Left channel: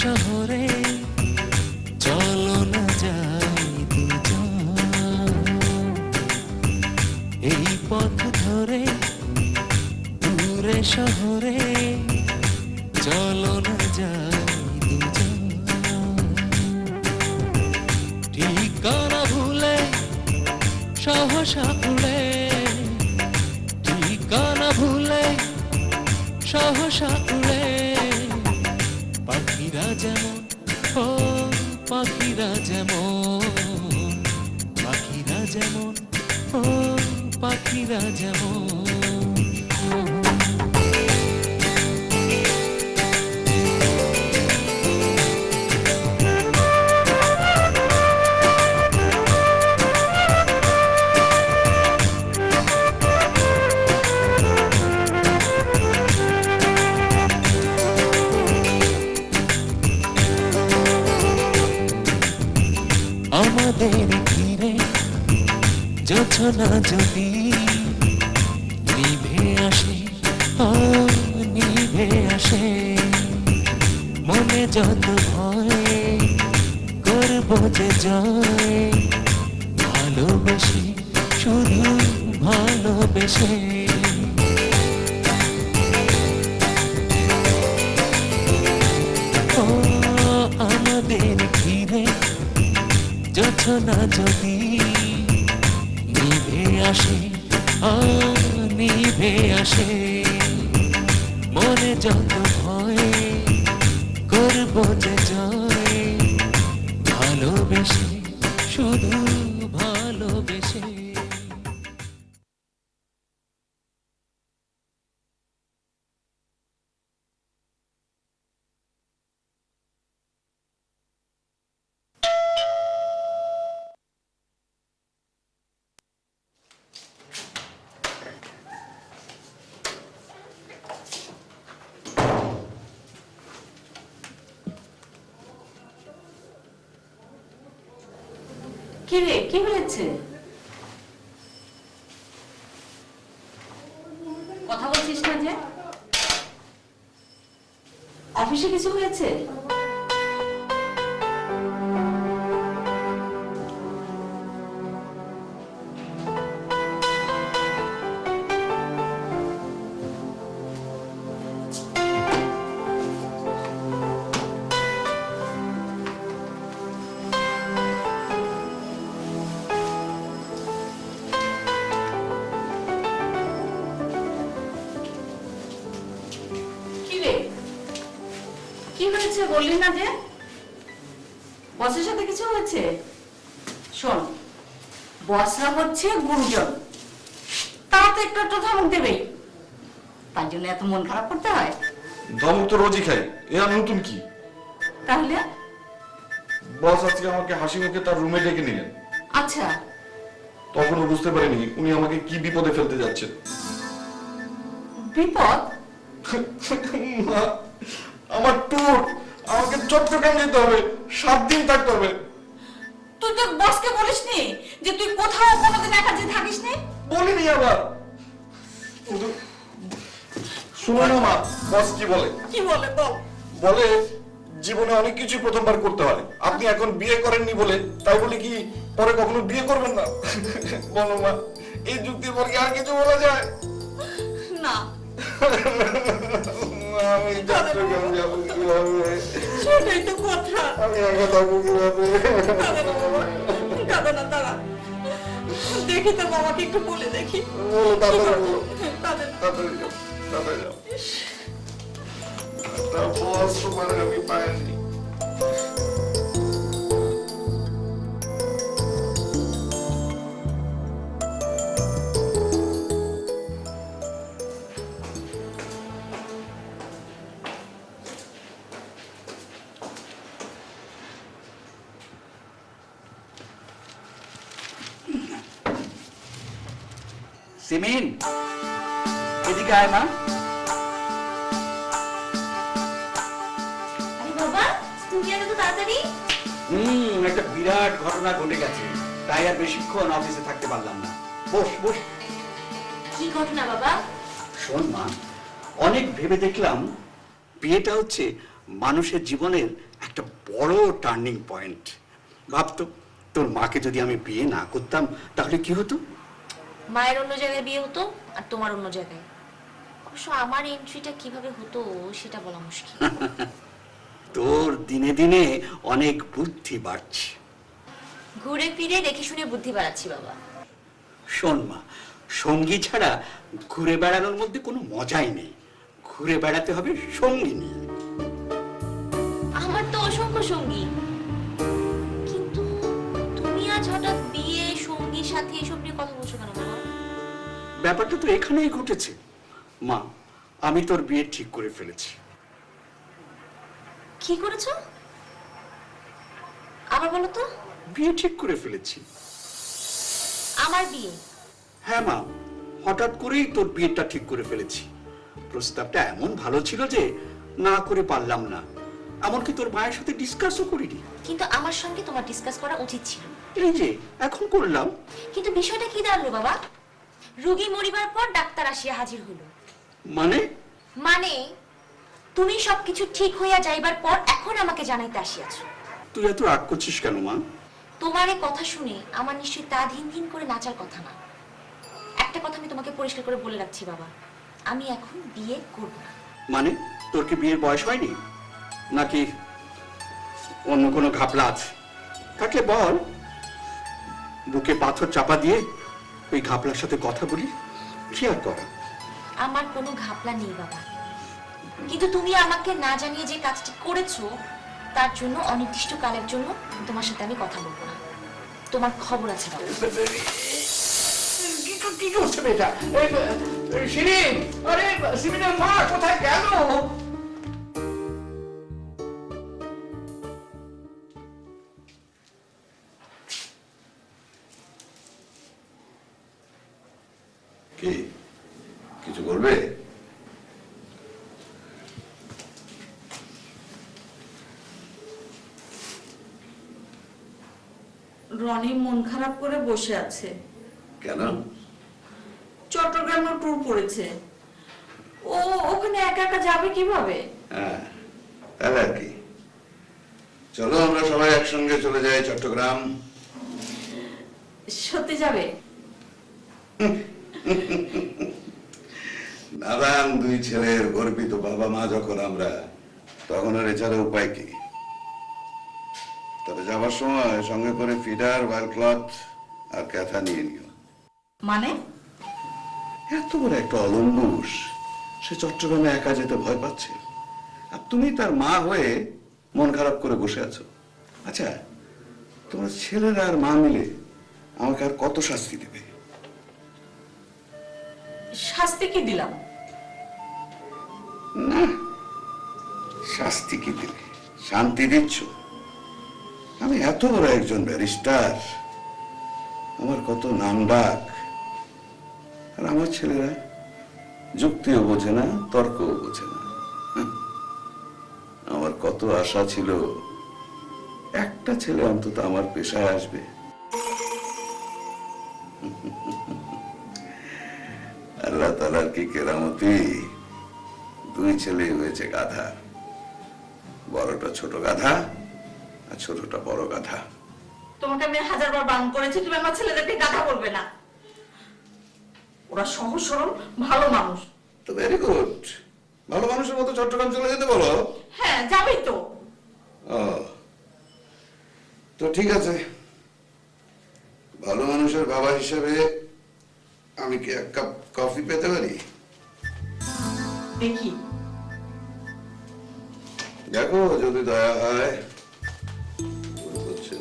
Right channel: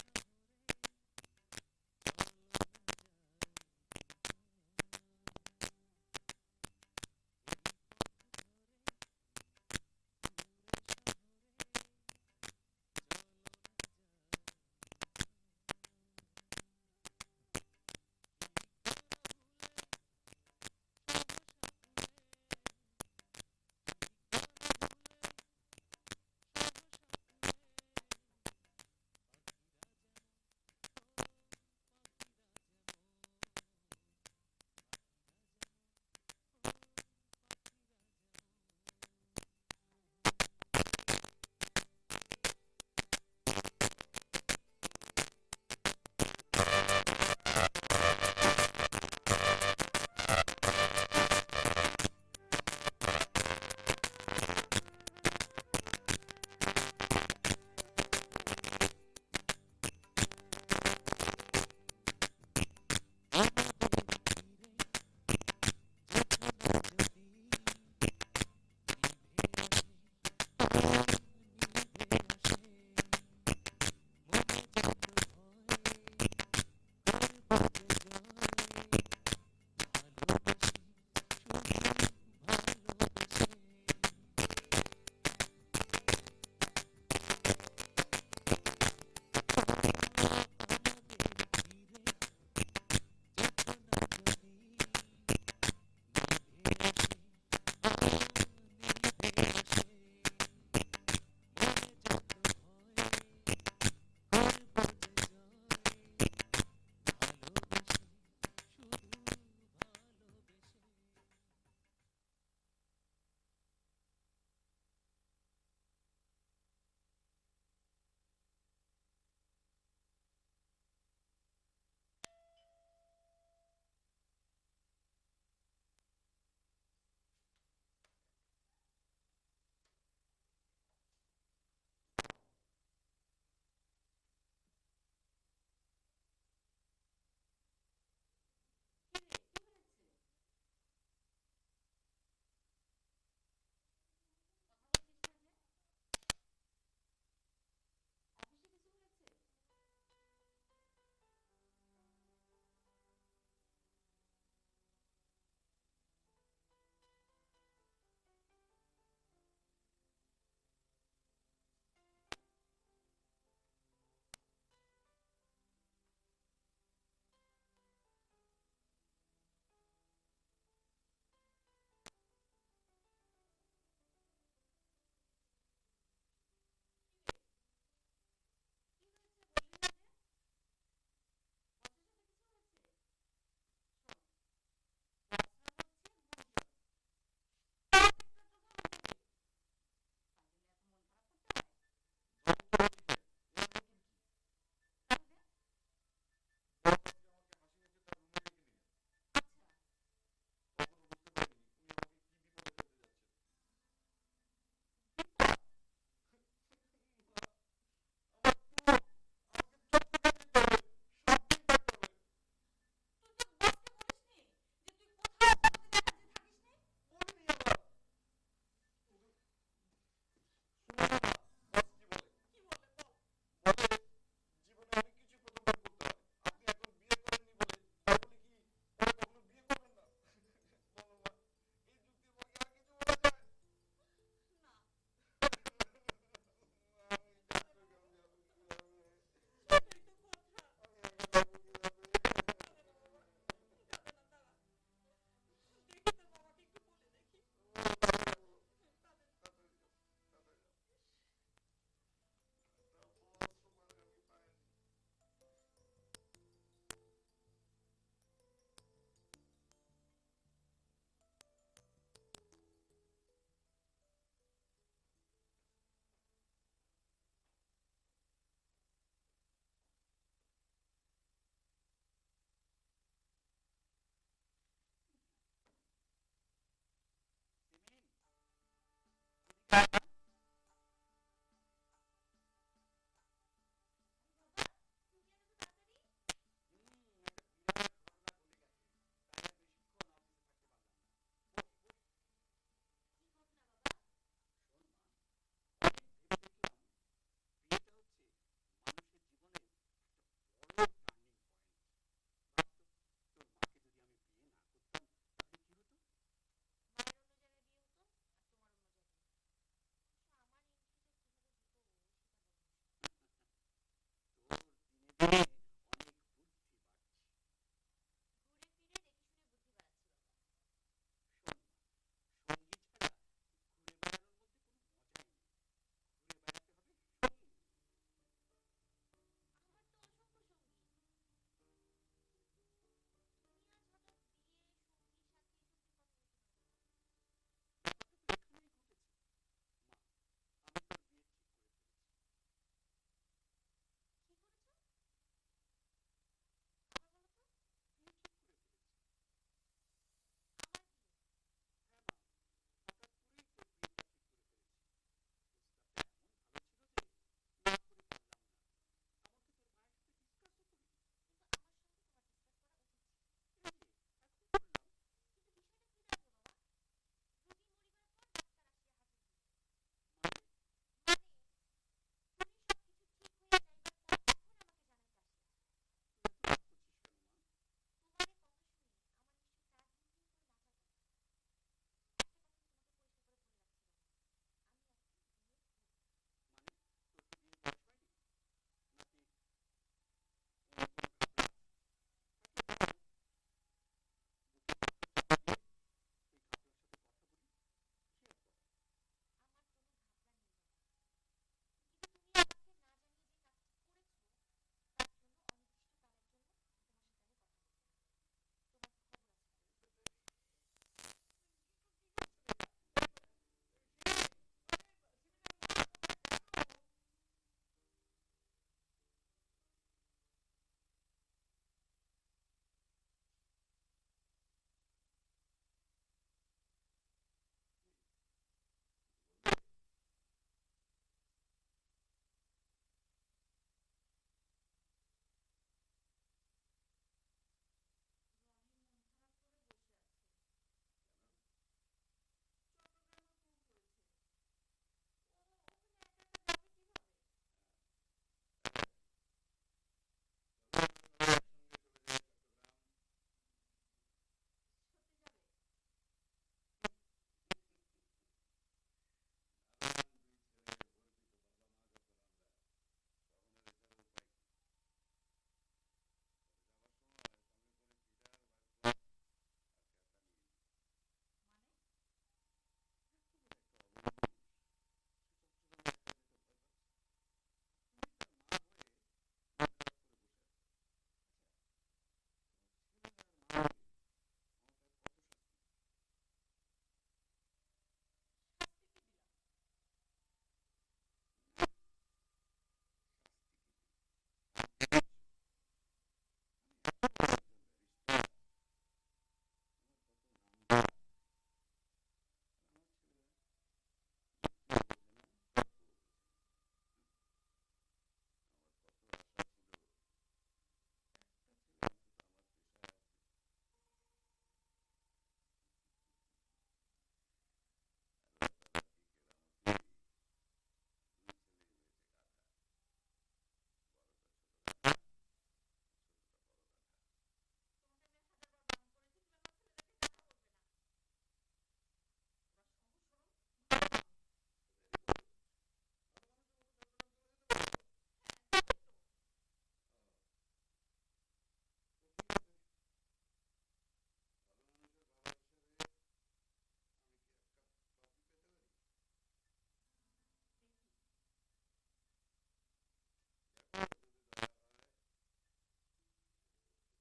শহরে চলো না যাই দুজন, এই পথ ধরে দূরে শহরে চলো না যাই দুজন, ঠিকানা ভুলে সহসা উড়ে, ঠিকানা ভুলে সহসা উড়ে, পাখিরা যেমন ও পাখিরা যেমন, পাখিরা যেমন ও পাখিরা যেমন। আমাদের ঘিরে জোছনা যদি নিভে আসে, ও নিভে আসে, মনে যত ভয় করবো যে জয়, ভালোবেসে শুধু ভালোবেসে। ও আমাদের ঘিরে জোছনা যদি নিভে আসে, নিভে আসে, মনে যত ভয় করবো যে জয়, ভালোবেসে শুধু ভালোবেসে। কি রে, কি হয়েছে? কথা বলছিস না যে? অফিসে কিছু হয়েছে? কি হয়েছে বললি না যে? বসের সাথে কিছু হয়েছে? শোন, বসরা হচ্ছে গুরুজন, তারা তো একটু একটু ধমক দেবেই, তার জন্য এত মন খারাপ করতে হয়? ধমক তো রোজই খাই, এ আর নতুন কি? তাহলে বস আজকে আমাকে হাসি মুখে তার রুমে ডেকে নিলেন। আচ্ছা, তখনও বুঝতে পারিনি উনি আমাকে কি বিপদে ফেলতে যাচ্ছেন। বিপদ? আমার ট্যুর, আমাকে চট্টগ্রাম যেতে হবে, 7 দিন থাকতে হবে। তুই তোর বসকে বলিসনি যে তুই কোথাও কোনোদিন একা যে থাকিস নি? বলিনি আবার। শুনো না মা, বস কি বলে? কি বলে বল? বলে জীবনে অনেক কিছু প্রথমবার করতে হয়, আপনি এখন বিয়ে করেননি বলে তাই বলে কি পরে কখনো বিয়ে করবেন না? বলো মা, এই যুক্তির পর কি আর কিছু বলা যায়? না, আমি চট্টগ্রাম যাবো কিভাবে? সেটাই তো কথা। আমি একা থাকবো কিভাবে? কাঁদো না, দাঁড়া, দেখি তোর বাবাকে একটু বলে দেখি। বলো, তাড়াতাড়ি বলো। কাঁদে না। তাড়াতাড়ি যাও, তাড়াতাড়ি যাও। তা বস তোমার আমি পাইনি। সিমিন, এদিকে আয় মা। আরে বাবা, তুমি এত তাড়াতাড়ি? একটা বিরাট ঘটনা ঘটে গেছে, তাই আর বেশিক্ষণ অফিসে থাকতে পারলাম না। বস বস। কি ঘটনা বাবা? শোন মা, অনেক ভেবে দেখলাম বিয়েটা হচ্ছে মানুষের জীবনের একটা বড় টার্নিং পয়েন্ট। ভাবতো তোর মাকে যদি আমি বিয়ে না করতাম তাহলে কি হতো? মায়ের অন্য জায়গায় বিয়ে হতো আর তোমার অন্য জায়গায়। অবশ্য আমার এন্ট্রিটা কিভাবে হতো সেটা বলা মুশকিল। তোর দিনে দিনে অনেক বুদ্ধি বাড়ছে। ঘুরে ফিরে দেখে শুনে বুদ্ধি বাড়াচ্ছি বাবা। শোন মা, সঙ্গী ছাড়া ঘুরে বেড়ানোর মধ্যে কোনো মজাই নেই। ঘুরে বেড়াতে হবে সঙ্গী নিয়ে। আমার তো অসংখ্য সঙ্গী, কিন্তু তুমি আজ হঠাৎ বিয়ে, সঙ্গী, সাথী এসব নিয়ে কথা বলছো কেন বাবা? ব্যাপারটা তো এখানেই ঘটেছে মা। আমি তোর বিয়ে ঠিক করে ফেলেছি। কি করেছো আবার বলো তো? বিয়ে ঠিক করে ফেলেছি। আমার বিয়ে? হ্যাঁ মা, হঠাৎ করেই তোর বিয়েটা ঠিক করে ফেলেছি। প্রস্তাবটা এমন ভালো ছিল যে না করে পারলাম না। এমনকি তোর মায়ের সাথে ডিসকাসও করিনি। কিন্তু আমার সঙ্গে তোমার ডিসকাস করা উচিত ছিল। এই যে এখন করলাম। কিন্তু বিষয়টা কি দাঁড়ালো বাবা? রোগী মরিবার পর ডাক্তার আসিয়া হাজির হলো। মানে? মানে তুমি সবকিছু ঠিক হইয়া যাইবার পর এখন আমাকে জানাইতে আসিয়াছো। তুই এত রাগ করছিস কেন মা? তোমার এই কথা শুনে আমার নিশ্চয়ই তা ধিন ধিন করে নাচার কথা না। একটা কথা আমি তোমাকে পরিষ্কার করে বলে রাখছি বাবা, আমি এখন বিয়ে করব না। মানে তোর কি বিয়ের বয়স হয়নি, নাকি অন্য কোনো ঘাপলা আছে? থাকলে বল, বুকে পাথর চাপা দিয়ে ওই ঘাপলার সাথে কথা বলি। কি আর করা? আমার কোনো ঘাপলা নেই বাবা, কিন্তু তুমি আমাকে না জানিয়ে যে কাজটি করেছো তার জন্য অনির্দিষ্ট কালের জন্য তোমার সাথে আমি কথা বলবো না। তোমার খবর আছে বাবা। কি করছে বেটা? শিরিন, আরে শিরিনের মা কোথায় গেল? কি কিছু করবে? রনি মন খারাপ করে বসে আছে। কেন? চট্টগ্রামে ট্যুর পড়েছে, ও ওখানে একা একা যাবে কিভাবে? হ্যাঁ, তাহলে আর কি, চলো আমরা সবাই একসঙ্গে চলে যাই চট্টগ্রাম। সত্যি যাবে? নাদান দুই ছেলের গর্বিত বাবা মা যখন আমরা, তখন আর এছাড়া উপায় কি? তবে যাবার সময় সঙ্গে করে ফিডার, ওয়াল ক্লথ আর ক্যাথা নিয়ে নিও। মানে? এত বড় একটা অলম্বুস, সে চট্টগ্রামে একা যেতে ভয় পাচ্ছে, আর তুমি তার মা হয়ে মন খারাপ করে বসে আছো। আচ্ছা, তোমার ছেলেরা আর মা মিলে আমাকে আর কত শাস্তি দেবে? শাস্তি কি দিলাম? না, শাস্তি কি দিলে, শান্তি দিচ্ছ। আমি এত বড় একজন ব্যারিস্টার, আমার কত নাম ডাক, আর আমার ছেলেরা যুক্তিও বোঝে না, তর্কও বোঝে না। আমার কত আশা ছিল একটা ছেলে অন্তত আমার পেশায় আসবে। আল্লাহ তাআলার কি কেরামতি, দুই ছেলে হয়েছে গাধা। বড়টা ছোট গাধা আর ছোটটা বড় গাধা। তোমাকে আমি 1000বার বারণ করেছি তুমি আমার ছেলেদেরকে গাধা বলবে না। ওরা সহজ সরল ভালো মানুষ। তো ভেরি গুড, ভালো মানুষের মতো চট্টগ্রাম চলে যেতে বলো। হ্যাঁ যাবেই তো। ও, তো ঠিক আছে, ভালো মানুষের বাবা হিসেবে আমি কি এক কাপ কফি পেতে পারি? দেখি। দেখো যদি দয়া হয়। হচ্ছে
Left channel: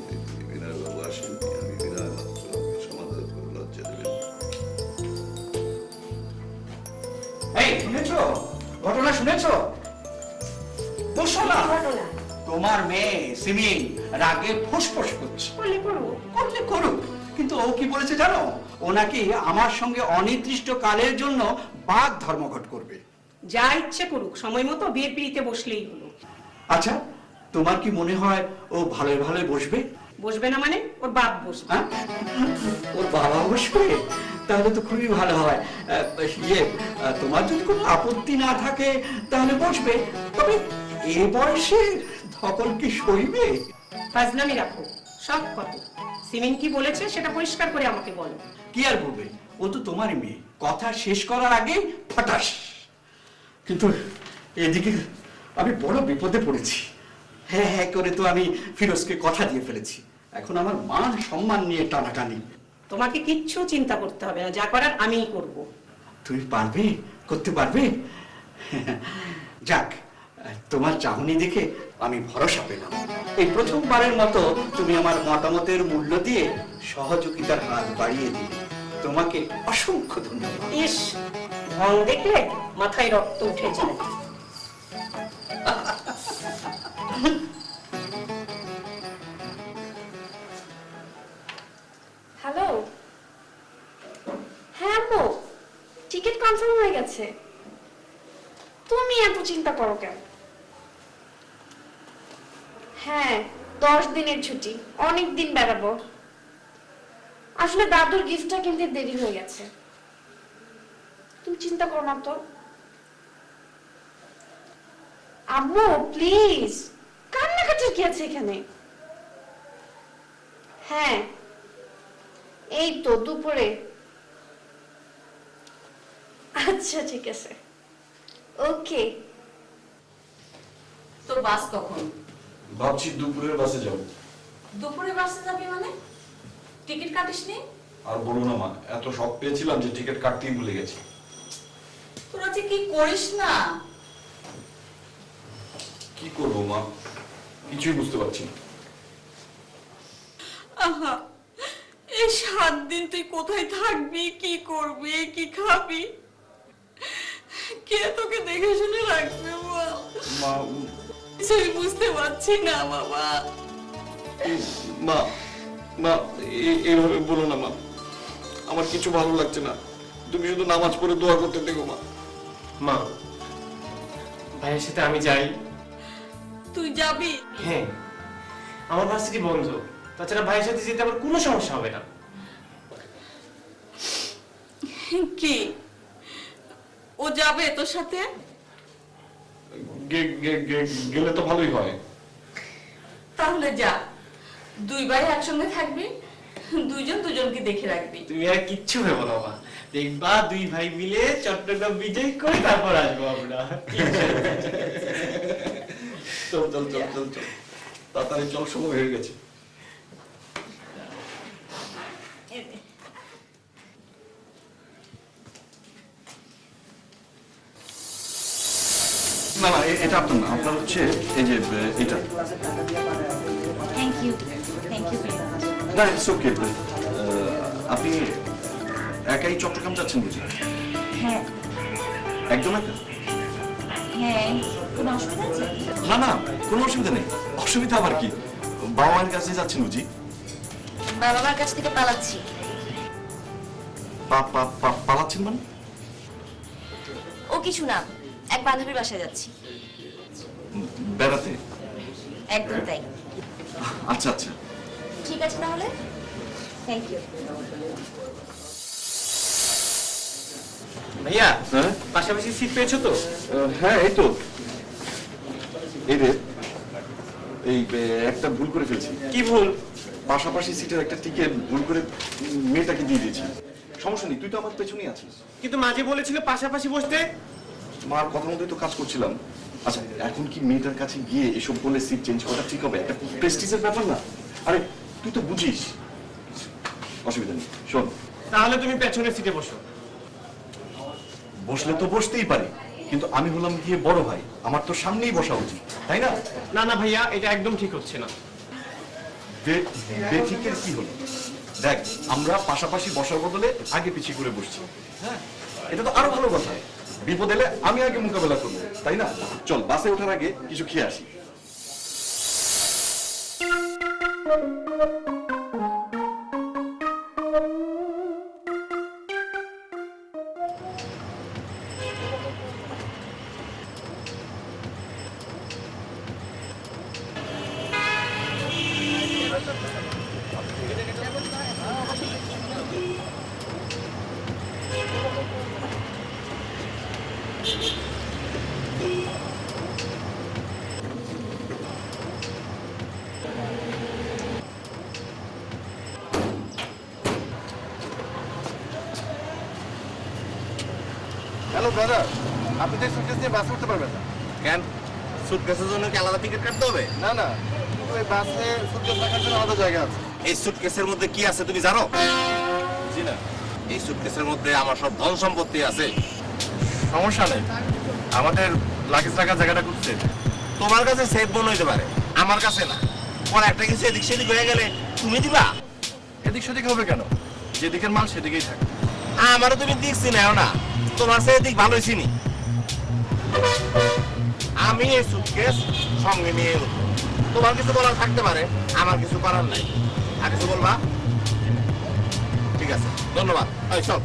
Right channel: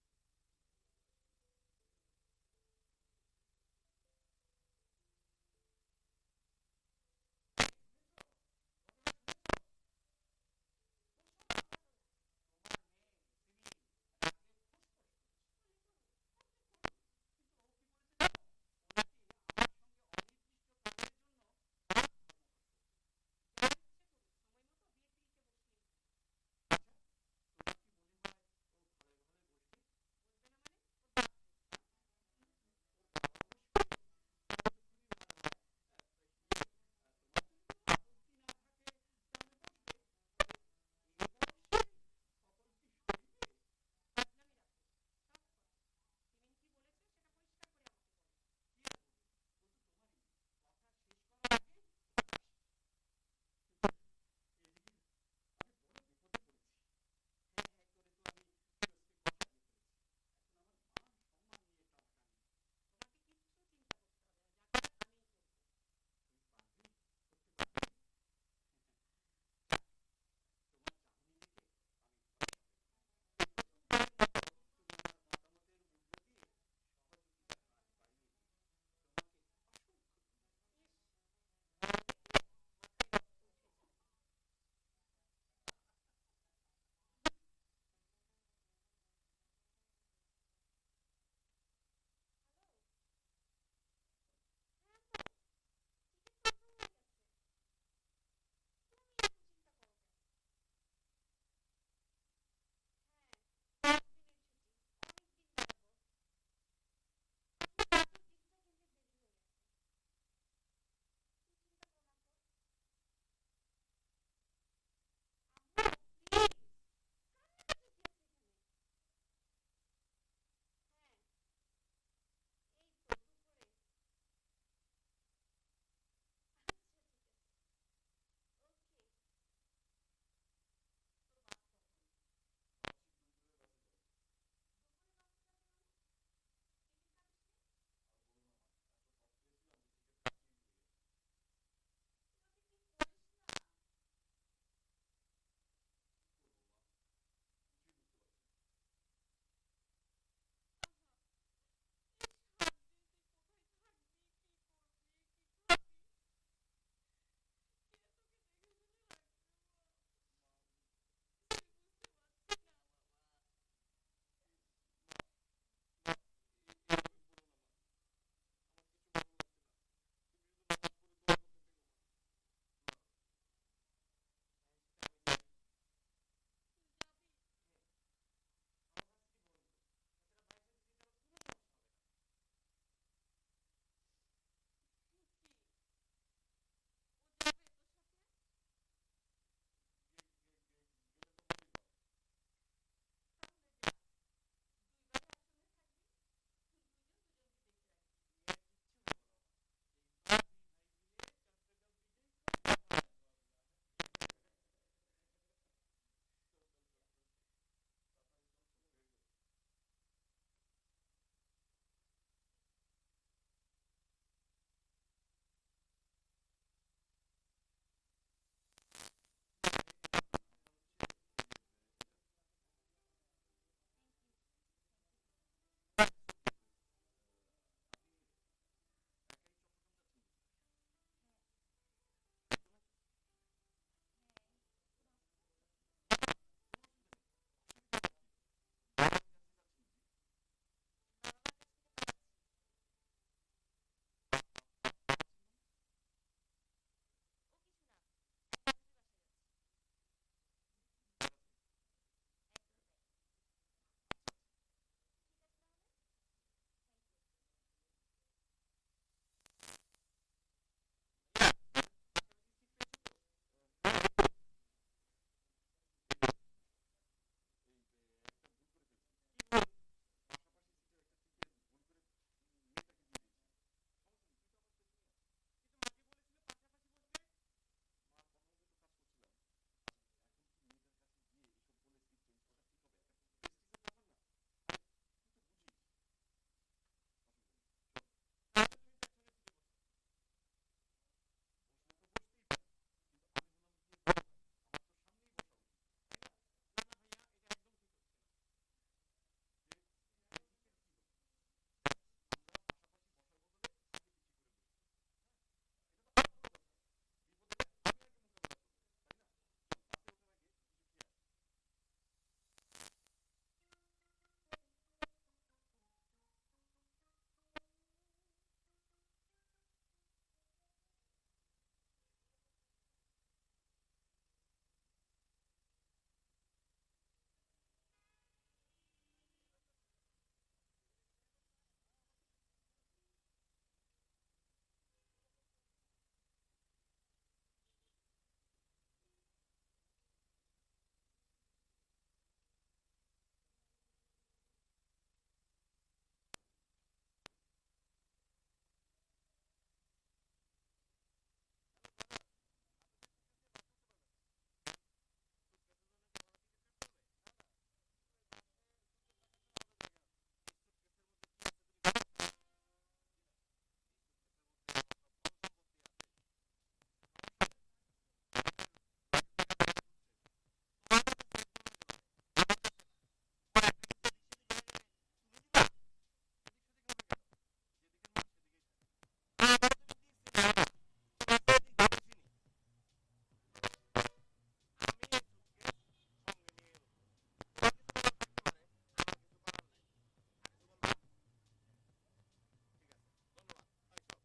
বিনয় বাবু আসেননি, আমি বিনয় মাত্র সমাধান করে লজ্জা দেবেন। এই শুনেছো ঘটনা? শুনেছো? বসো না। তোমার মেয়ে সিমিন রাগে ফুসফুস করছে। করলে করুক, কিন্তু ও কি বলেছে জানো? ও নাকি আমার সঙ্গে অনির্দিষ্ট কালের জন্য বাদ ধর্মঘট করবে। যা ইচ্ছে করুক, সময় মতো বিয়ের পিড়িতে বসলেই হলো। আচ্ছা, তোমার কি মনে হয় ও ভালোই ভালোই বসবে? বসবে না মানে ওর বাপ বসবে। হ্যাঁ? ওর বাবা বসবে, তাহলে তো খুবই ভালো হয়। তোমার যদি কোনো আপত্তি না থাকে তাহলে বসবে, তবে এ বয়সে ধকল কি সইবে? ফাজলামি রাখো, সব কত। সিমিন কি বলেছে সেটা পরিষ্কার করে আমাকে বলো। কি আর বলবে, ও তো তোমারই মেয়ে, কথা শেষ করার আগে ফটাস। কিন্তু এদিকে আমি বড় বিপদে পড়েছি। হ্যাঁ হ্যাঁ করে তো আমি ফিরোজকে কথা দিয়ে ফেলেছি, এখন আমার মান সম্মান নিয়ে টানাটানি। তোমাকে কিচ্ছু চিন্তা করতে হবে না, যা করার আমিই করব। তুমি পারবে, করতে পারবে? যাক, তোমার চাহনি দেখে আমি ভরসা পেলাম। এই প্রথমবারের মতো তুমি আমার মতামতের মূল্য দিয়ে সহযোগিতার হাত বাড়িয়ে দিলে, তোমাকে অসংখ্য ধন্যবাদ। ইস, ঢং দেখলে মাথায় রক্ত উঠে যায়। হ্যালো, হ্যাঁ আম্মু, টিকিট কনফার্ম হয়ে গেছে। তুমি এত চিন্তা করো কেন? হ্যাঁ, 10 দিনের ছুটি, অনেক দিন বেড়াবো। আসলে দাদুর গিফটটা কিনতে দেরি হয়ে গেছে। তুমি চিন্তা করো না তো আম্মু, প্লিজ। কান্নাকাটির কি আছে এখানে? হ্যাঁ, এই তো দুপুরে। আচ্ছা ঠিক আছে, ওকে। তোর বাস কখন? ভাবছি দুপুরের বাসে যাব। দুপুরে বাসে যাবি মানে? টিকিট কাটিসনি? আর বলো না মা, এত শখ পেয়েছিলাম যে টিকিট কাটতেই ভুলে গেছি। তোরা যে কি করিস না। কি করবো মা, কিছুই বুঝতে পারছি না। আহা, এই 7 দিন তুই কোথায় থাকবি, কি করবি, কি খাবি? কে তোকে দেখে শুনে রাখবে বল? মা কিছুই বুঝতে পারছি না বাবা। মা মা এইভাবে বলো না মা, আমার কিছু ভালো লাগছে না। তুমি শুধু নামাজ পড়ে দোয়া করতে দেখো মা। মা, ভাইয়ের সাথে আমি যাই। তুই যাবি? হ্যাঁ, আমার ভার্সিটি বন্ধ, তাছাড়া ভাইয়ের সাথে যেতে আমার কোনো সমস্যা হবে না। কি ও যাবে তোর সাথে? গেলে তো ভালোই হয়। তাহলে যা, 2 ভাই একসঙ্গে থাকবি, দুইজন দুজনকে দেখে রাখবি। তুমি আর কিচ্ছু ভেবো না মা, দেখবা 2 ভাই মিলে চট্টগ্রাম বিজয় করে তারপর আসবো আমরা। চল চল চল চল চল, তাড়াতাড়ি চল, সময় হয়ে গেছে। না না, এটা আপনার না, আপনার হচ্ছে এই যে এটা। Thank you, thank you very much. না, ইটস ওকে। আপনি একাই চট্টগ্রাম যাচ্ছেন বুঝি? হ্যাঁ একদম একা? হ্যাঁ, কোনো অসুবিধা আছে? না না, কোনো অসুবিধা নেই। অসুবিধা আবার কি, বাবা মায়ের কাছে যাচ্ছেন বুঝি? বাবা মার কাছ থেকে পালাচ্ছি। পালাচ্ছেন মানে? ও কিছু না, এক বান্ধবীর বাসায় যাচ্ছি। বেড়াতে? একদম তাই। আচ্ছা আচ্ছা। ঠিক আছে তাহলে, থ্যাংক ইউ। ভাইয়া, হ্যাঁ পাশাপাশি সিট পেয়েছো তো? হ্যাঁ, এই তো। এই রে, এই একটা ভুল করে ফেলছি। কি ভুল? পাশাপাশি সিটের একটা টিকিট ভুল করে মেয়েটাকে দিয়ে দিয়েছি। সমস্যা নেই, তুই তো আমার পেছনেই আছিস। কিন্তু মাঝে বলেছিল পাশাপাশি বসতে। মার কথা মতোই তো কাজ করছিলাম। আচ্ছা, এখন কি মেয়েটার কাছে গিয়ে এসব বলে সিট চেঞ্জ করা ঠিক হবে? একটা প্রেস্টিজের ব্যাপার না? আরে তুই তো বুঝিস। অসুবিধা নেই, শোন। তাহলে তুমি পেছনের সিটে বসো। বসলে তো বসতেই পারি, কিন্তু আমি হলাম গিয়ে বড় ভাই, আমার তো সামনেই বসা উচিত, তাই না? না না ভাইয়া, এটা একদম ঠিক হচ্ছে না। বেঠিকের কি হলো? দেখ, আমরা পাশাপাশি বসার বদলে আগে পিছিয়ে করে বসছি। হ্যাঁ, এটা তো আরো ভালো কথা। বিপদ এলে আমি আগে মোকাবেলা করবো, তাই না? চল, বাসে ওঠার আগে কিছু খেয়ে আসি। হ্যালো ব্রাদার, আপনি তো সুটকেস নিয়ে বাসে উঠতে পারবেন না। কেন সুটকেসের জন্য কি আলাদা টিকিট কাটতে হবে? না না, ওই বাসে সুটকেস রাখার জন্য আলাদা জায়গা আছে। এই সুটকেসের মধ্যে কি আছে তুমি জানো? জি না। এই সুটকেসের মধ্যে আমার সব ধন সম্পত্তি আছে। সমস্যা নেই, আমাদের লাগেজ রাখার জায়গাটা খুঁজছে। তোমার কাছে সেফ মনে হইতে পারে, আমার কাছে না। পরে একটা কিছু এদিক সেদিক হয়ে গেলে তুমি দিবা? এদিক সেদিক হবে কেন? যেদিকের মাল সেদিকেই থাকে। আমারও তুমি দিক চিনাও না, তোমার সে দিক ভালোই চিনি। আমি এই সুটকেস সঙ্গে নিয়ে উঠবো। তোমার কিছু বলার থাকতে পারে, আমার কিছু করার নাই। আর কিছু বলবা? ঠিক আছে, ধন্যবাদ। এই চল।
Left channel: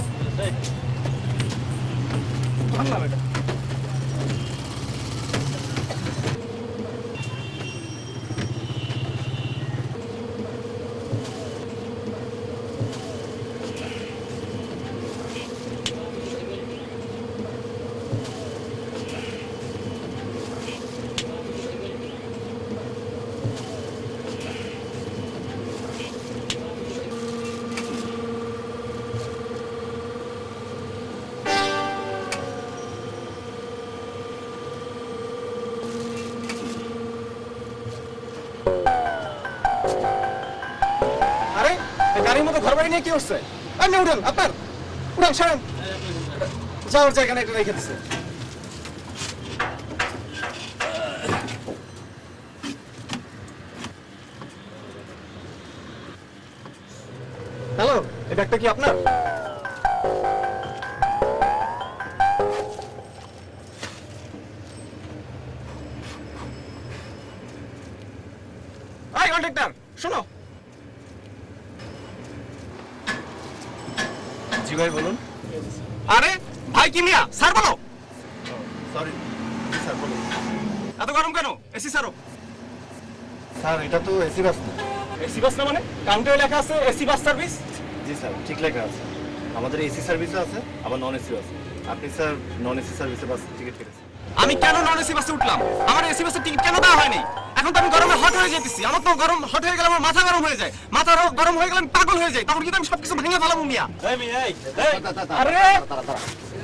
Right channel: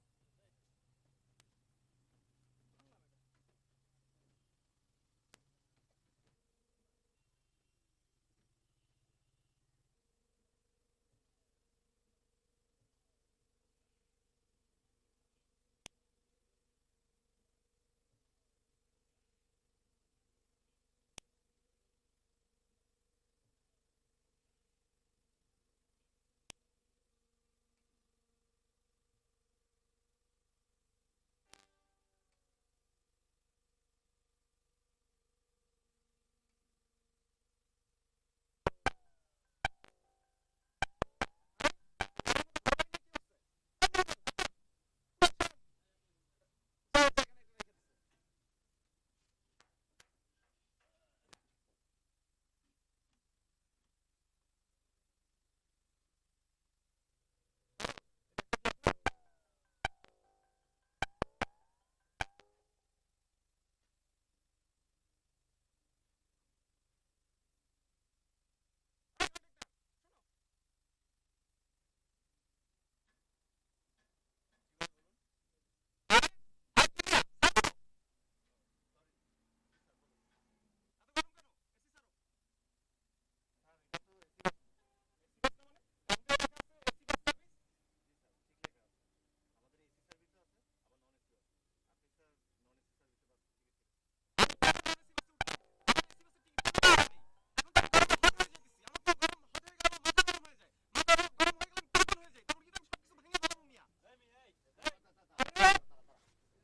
আরে এই গাড়ির মতো ঘর বাড়ি নিয়ে কি হচ্ছে? আপনি উঠেন, আপনার উঠেন, সরেন। যাওয়ার জায়গা না, এটা রেখে দিছে। হ্যালো, এই ব্যাগটা কি আপনার? এই কন্ট্রাক্টর, শোনো। জি ভাই বলুন। আরে ভাই কি মিয়া, স্যার বলো। সরি স্যার, বলুন। এত গরম কেন? এসি স্যারও। স্যার এটা তো এসি বাস না। এসি বাস না মানে? কাউন্টারে লেখা আছে এসি বাস সার্ভিস। জি স্যার, ঠিক লেখা আছে। আমাদের এসি সার্ভিসও আছে, আবার নন এসিও আছে। আপনি স্যার নন এসি সার্ভিসে বাস টিকিট কেটেছেন। আমি কেন নন এসি বাসে উঠলাম? আমার এসি বাসের টিকিট কেন দেওয়া হয়নি? এখন তো আমি গরমে হট হয়ে যেতেছি। আমার তো গরম হট হয়ে গেলে আমার মাথা গরম হয়ে যায়। মাথা গরম হয়ে গেলে আমি পাগল হয়ে যাই। তখন কিন্তু আমি সবকিছু ভেঙে ফেলাবো মিয়া। আরে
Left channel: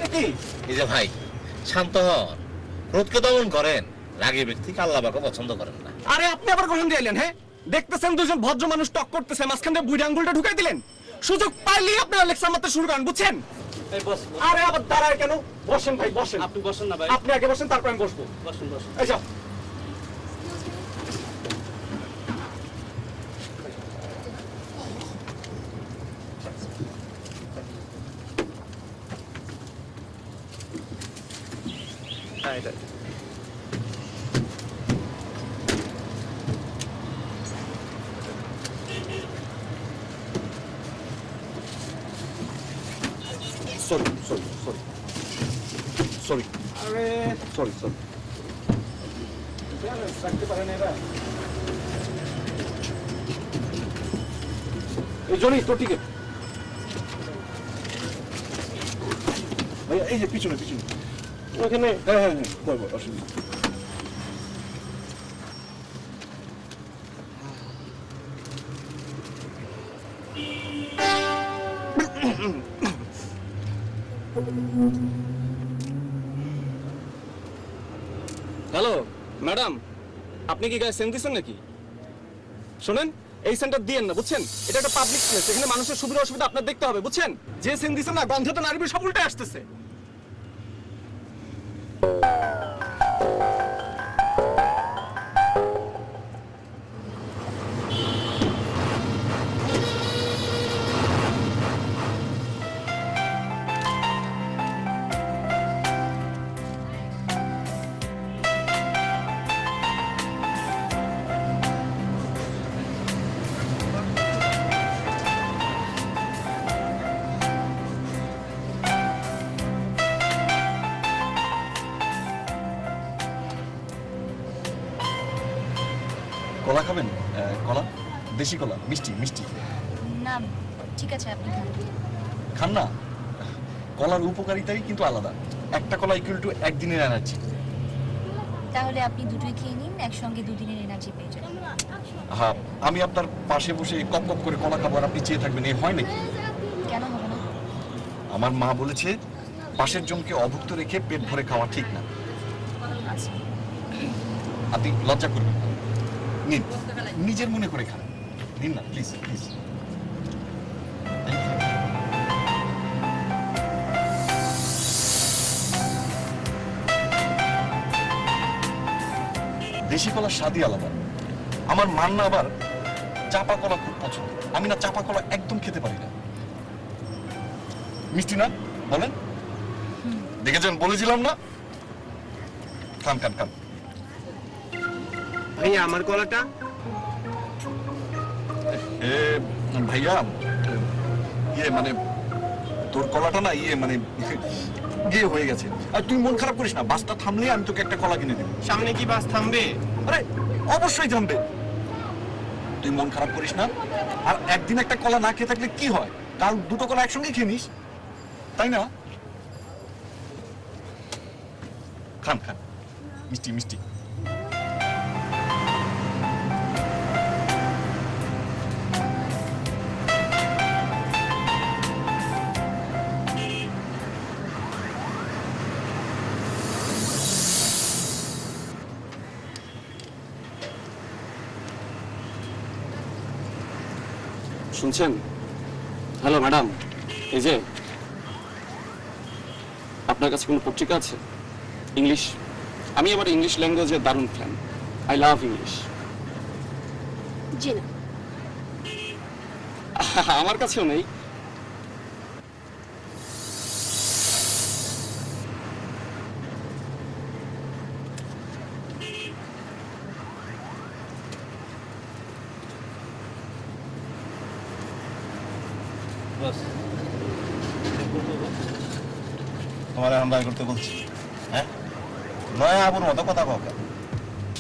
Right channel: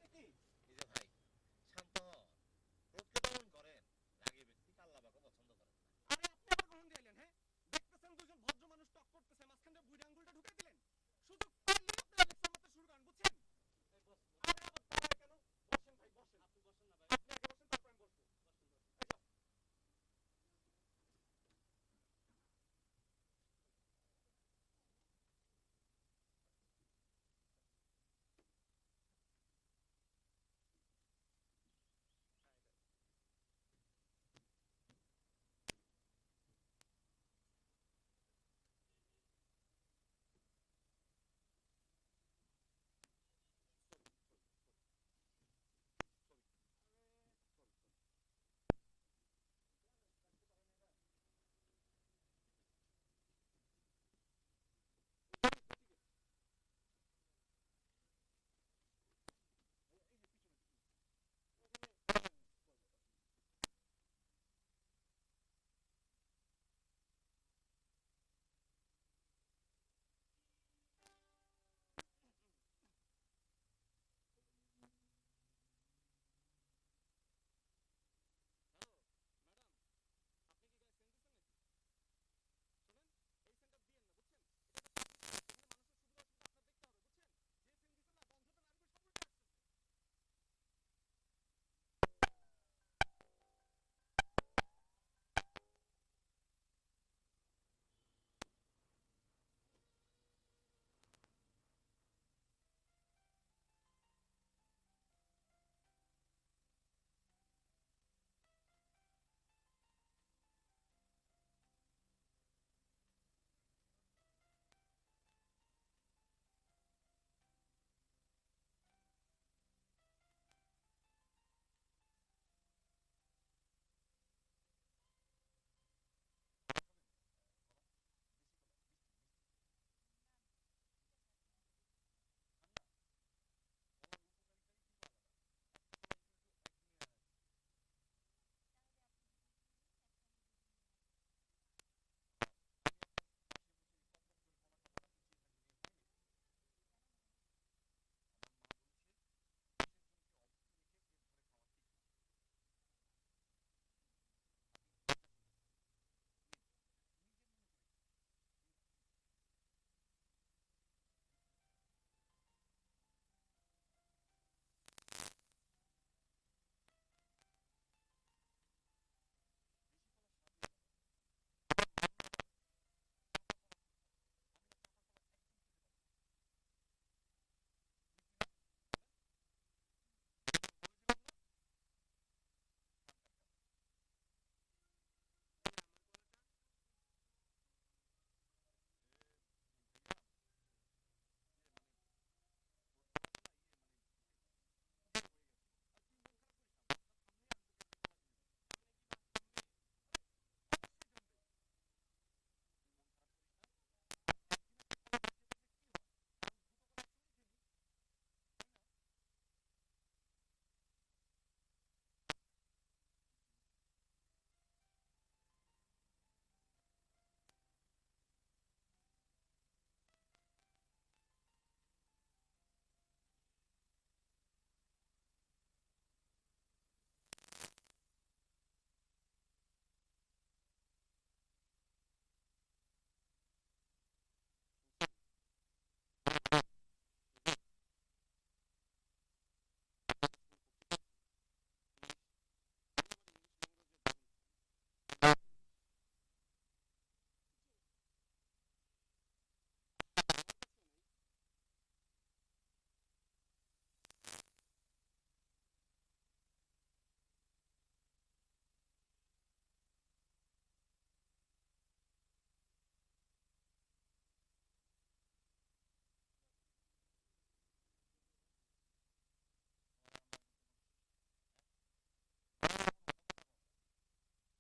এ কি? এই যে ভাই, শান্ত হন, ক্রোধকে দমন করেন। রাগী ব্যক্তিকে আল্লাহ পাকও পছন্দ করেন না। আরে আপনি আবার কখন দিয়ে এলেন? হ্যাঁ, দেখতেছেন দুজন ভদ্র মানুষ টক করতেছে, মাঝখান দিয়ে বুড়ি আঙ্গুলটা ঢুকাই দিলেন। সুযোগ পাইলেই আপনারা লেকচার মারতে শুরু করেন, বুঝছেন? আরে আবার দাঁড়ায় কেন? বসেন ভাই, বসেন। আপনি বসেন না ভাই। আপনি আগে বসেন, তারপর আমি বসবো। বসেন বসেন। এই যাও। হ্যাঁ এটা। সরি সরি সরি সরি আরে সরি সরি। রাখতে পারেন এরা। এই জন্যই তো টিকিট। ভাইয়া এই যে পিছনে পিছনে। ওখানে হ্যাঁ হ্যাঁ হ্যাঁ, বল বল, অসুবিধা নেই। হ্যালো ম্যাডাম, আপনি কি গায়ে সেন্ট দিচ্ছেন নাকি? শোনেন, এই সেন্টার দিয়েন না, বুঝছেন? এটা একটা পাবলিক প্লেস, এখানে মানুষের সুবিধা অসুবিধা আপনার দেখতে হবে, বুঝছেন? যে সেন্ট দিচ্ছেন না, গন্ধটা নারীর সব উল্টে আসতেছে। কলা খাবেন? কলা, দেশি কলা, মিষ্টি মিষ্টি। না ঠিক আছে, আপনি খান। খান না? কলার উপকারিতাই কিন্তু আলাদা। একটা কলা ইকুয়াল টু একদিনের এনার্জি। তাহলে আপনি দুটোই খেয়ে নিন, একসঙ্গে দুদিনের এনার্জি পেয়ে যাবেন। হ্যাঁ, আমি আপনার পাশে বসে কপ কপ করে কলা খাবো আর আপনি চেয়ে থাকবেন, এই হয় নাকি? কেন হবে না? আমার মা বলেছে পাশের জনকে অভুক্ত রেখে পেট ভরে খাওয়া ঠিক না। আপনি লজ্জা করবেন না। নিন, নিজের মনে করে খান। নিন না, প্লিজ প্লিজ। দেশি কলার স্বাদই আলাদা। আমার মান্না আবার চাপা কলা খুব পছন্দ। আমি না চাপা কলা একদম খেতে পারি না। মিষ্টি না বলেন? দেখেছেন, বলেছিলাম না? খান খান খান। ভাইয়া আমার কলাটা। ভাইয়া ইয়ে মানে তোর কলাটা না মানে ইয়ে হয়ে গেছে। আর তুই মন খারাপ করিস না, বাসটা থামলে আমি তোকে একটা কলা কিনে দেবো। সামনে কি বাস থামবে? আরে অবশ্যই থামবে। তুই মন খারাপ করিস না। আর একদিন একটা কলা না খেয়ে থাকলে কি হয়? কাল দুটো কলা একসঙ্গে খেয়ে নিস, তাই না? খান খান, মিষ্টি মিষ্টি। শুনছেন? হ্যালো ম্যাডাম, এই যে আপনার কাছে কোনো পত্রিকা আছে ইংলিশ? আমি আবার ইংলিশ ল্যাঙ্গুয়েজের দারুণ ফ্যান। I love English. জি না। আমার কাছেও নেই। তোমার এখন বাই করতে বলছি, হ্যাঁ? নয় আবুর মতো কথা কও কেন?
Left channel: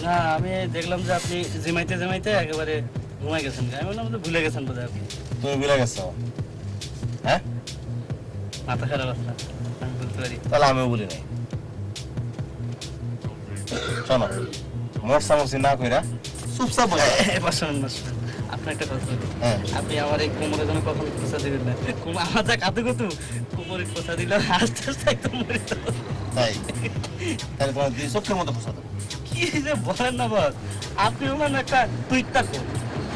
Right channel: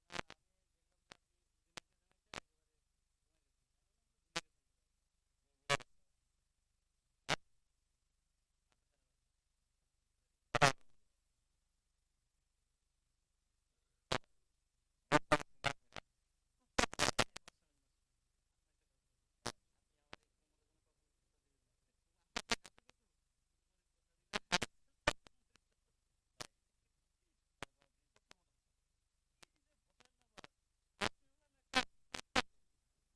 না, আমি দেখলাম যে আপনি জিমাইতে জিমাইতে একেবারে ঘুমাই গেছেন। আমি বললাম যে ভুলে গেছেন বোধহয় আপনি। তুমি ভুলে গেছো, হ্যাঁ? মাথা খারাপ আছে, আমি বলতে পারি। তাহলে আমিও বলি নাই। শোনো, মরসামসি না কইরা চুপচাপ বসে আপনার একটা কথা বলি। হ্যাঁ। আপনি আমার এই কোমরে যেন কখনো খোঁচা দিবেন না। আমার যা কাতু কতু কোমরে খোঁচা দিলে আস্তে আস্তে একদম মরে যাবো। তাই তাহলে তোমার দুই চোখের মতো ফসা দেবো। কি যে বলেন না বস, আপনি মানে একটা টুইটটা কর।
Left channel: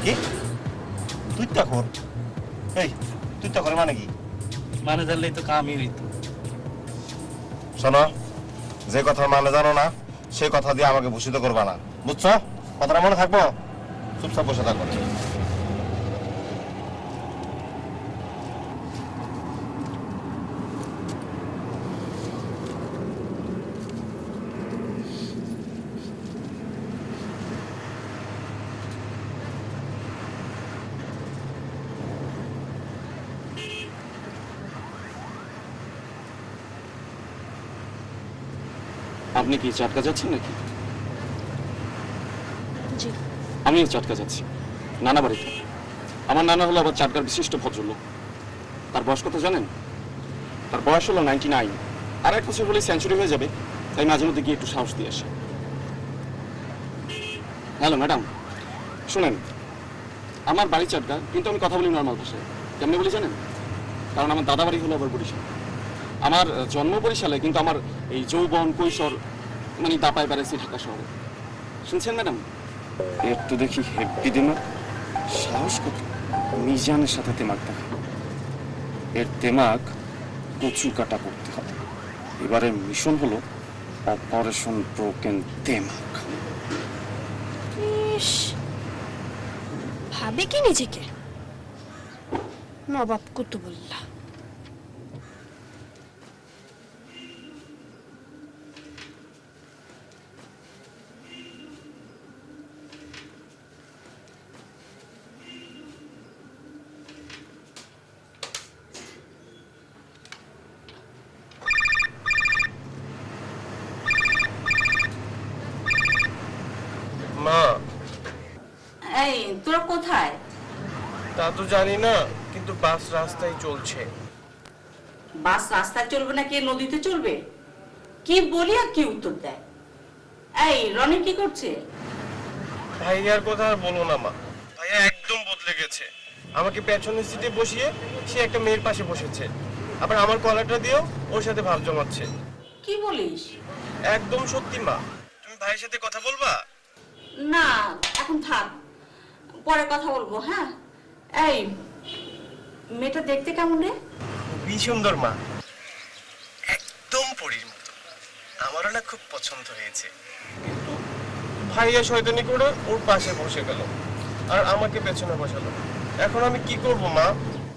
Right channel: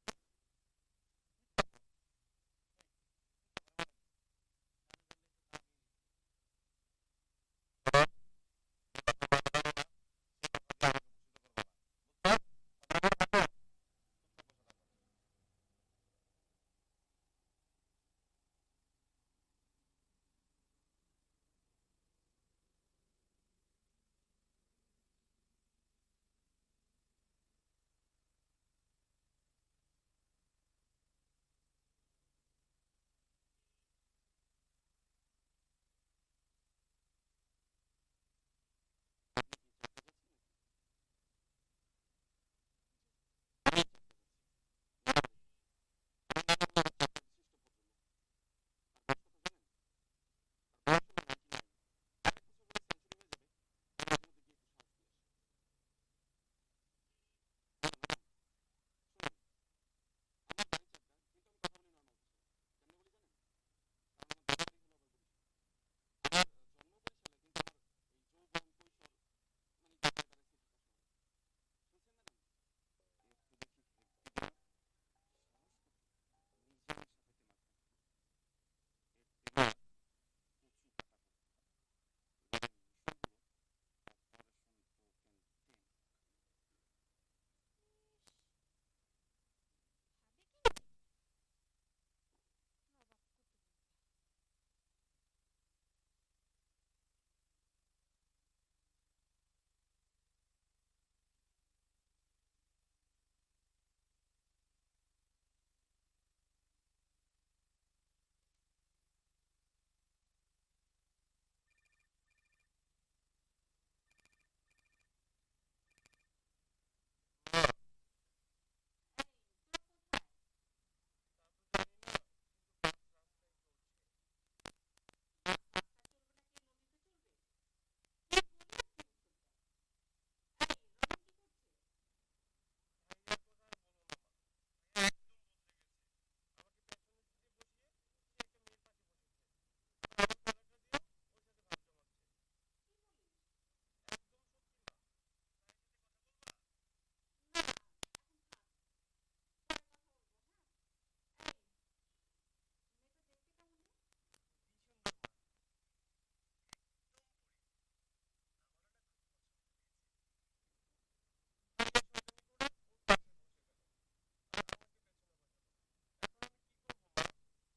কি তুইটা কর? এই তুইটা করে মানে কি? মানে জানলেই তো কামই হইতো। শোনো, যে কথা মানে জানো না সেই কথা দিয়ে আমাকে ভূষিত করবা না, বুঝছো? কথাটা মনে থাকবো। চুপচাপ বসে থাকো। আপনি কি চাটকা যাচ্ছেন নাকি? জি। আমিও চাটকা যাচ্ছি, নানা বাড়িতে। আমার নানা হলো আবার চাটকার বিশিষ্ট ভদ্রলোক। তার বয়স কত জানেন? তার বয়স হলো 99। আর 1 বছর হলে সেঞ্চুরি হয়ে যাবে, তাই মাঝে মধ্যে গিয়ে একটু সাহস দিয়ে আসে। হ্যালো ম্যাডাম, শুনেন, আমার বাড়ি চাটকা, কিন্তু আমি কথা বলি নর্মাল ভাষায়। কেমনি বলি জানেন? কারণ আমার দাদা বাড়ি হলো আবার বরিশাল। আমার জন্ম বরিশালে, কিন্তু আমার এই যৌবন কৈশোর মানে দাপায় বেড়েছি ঢাকা শহরে। শুনছেন ম্যাডাম? এর তো দেখি হেব্বি দিমাগ, সাহস কত! মিজানের সাথে তেমাক দেখা। এর তেমাক কচু কাটা করতে হবে। এবারে মিশন হলো অপারেশন ব্রোকেন তেমাক। ইস, ভাবে কি নিজেকে নবাব কুতুবুল্লাহ। মা, এই তোরা কোথায়? তা তো জানি না, কিন্তু বাস রাস্তায় চলছে। বাস রাস্তায় চলবে নাকি নদীতে চলবে? কি বলি আর কি উত্তর দেয়? এই রনি কি করছে? ভাইয়ার কথা আর বলো না মা, ভাইয়া একদম বদলে গেছে। আমাকে পেছনের সিটে বসিয়ে সে একটা মেয়ের পাশে বসেছে। আবার আমার কলারটা দিয়েও ওর সাথে ভাব জমাচ্ছে। কি বলিস? একদম সত্যি মা। তুমি ভাইয়ের সাথে কথা বলবা? না, এখন থাক, পরে কথা বলবো। হ্যাঁ, এই মেয়েটা দেখতে কেমন রে? খুবই সুন্দর মা, একদম পরীর মতো। আমারও না খুব পছন্দ হয়েছে, কিন্তু ভাইয়া শয়তানি করে ওর পাশে বসে গেল আর আমাকে পেছনে বসালো। এখন আমি কি করব মা?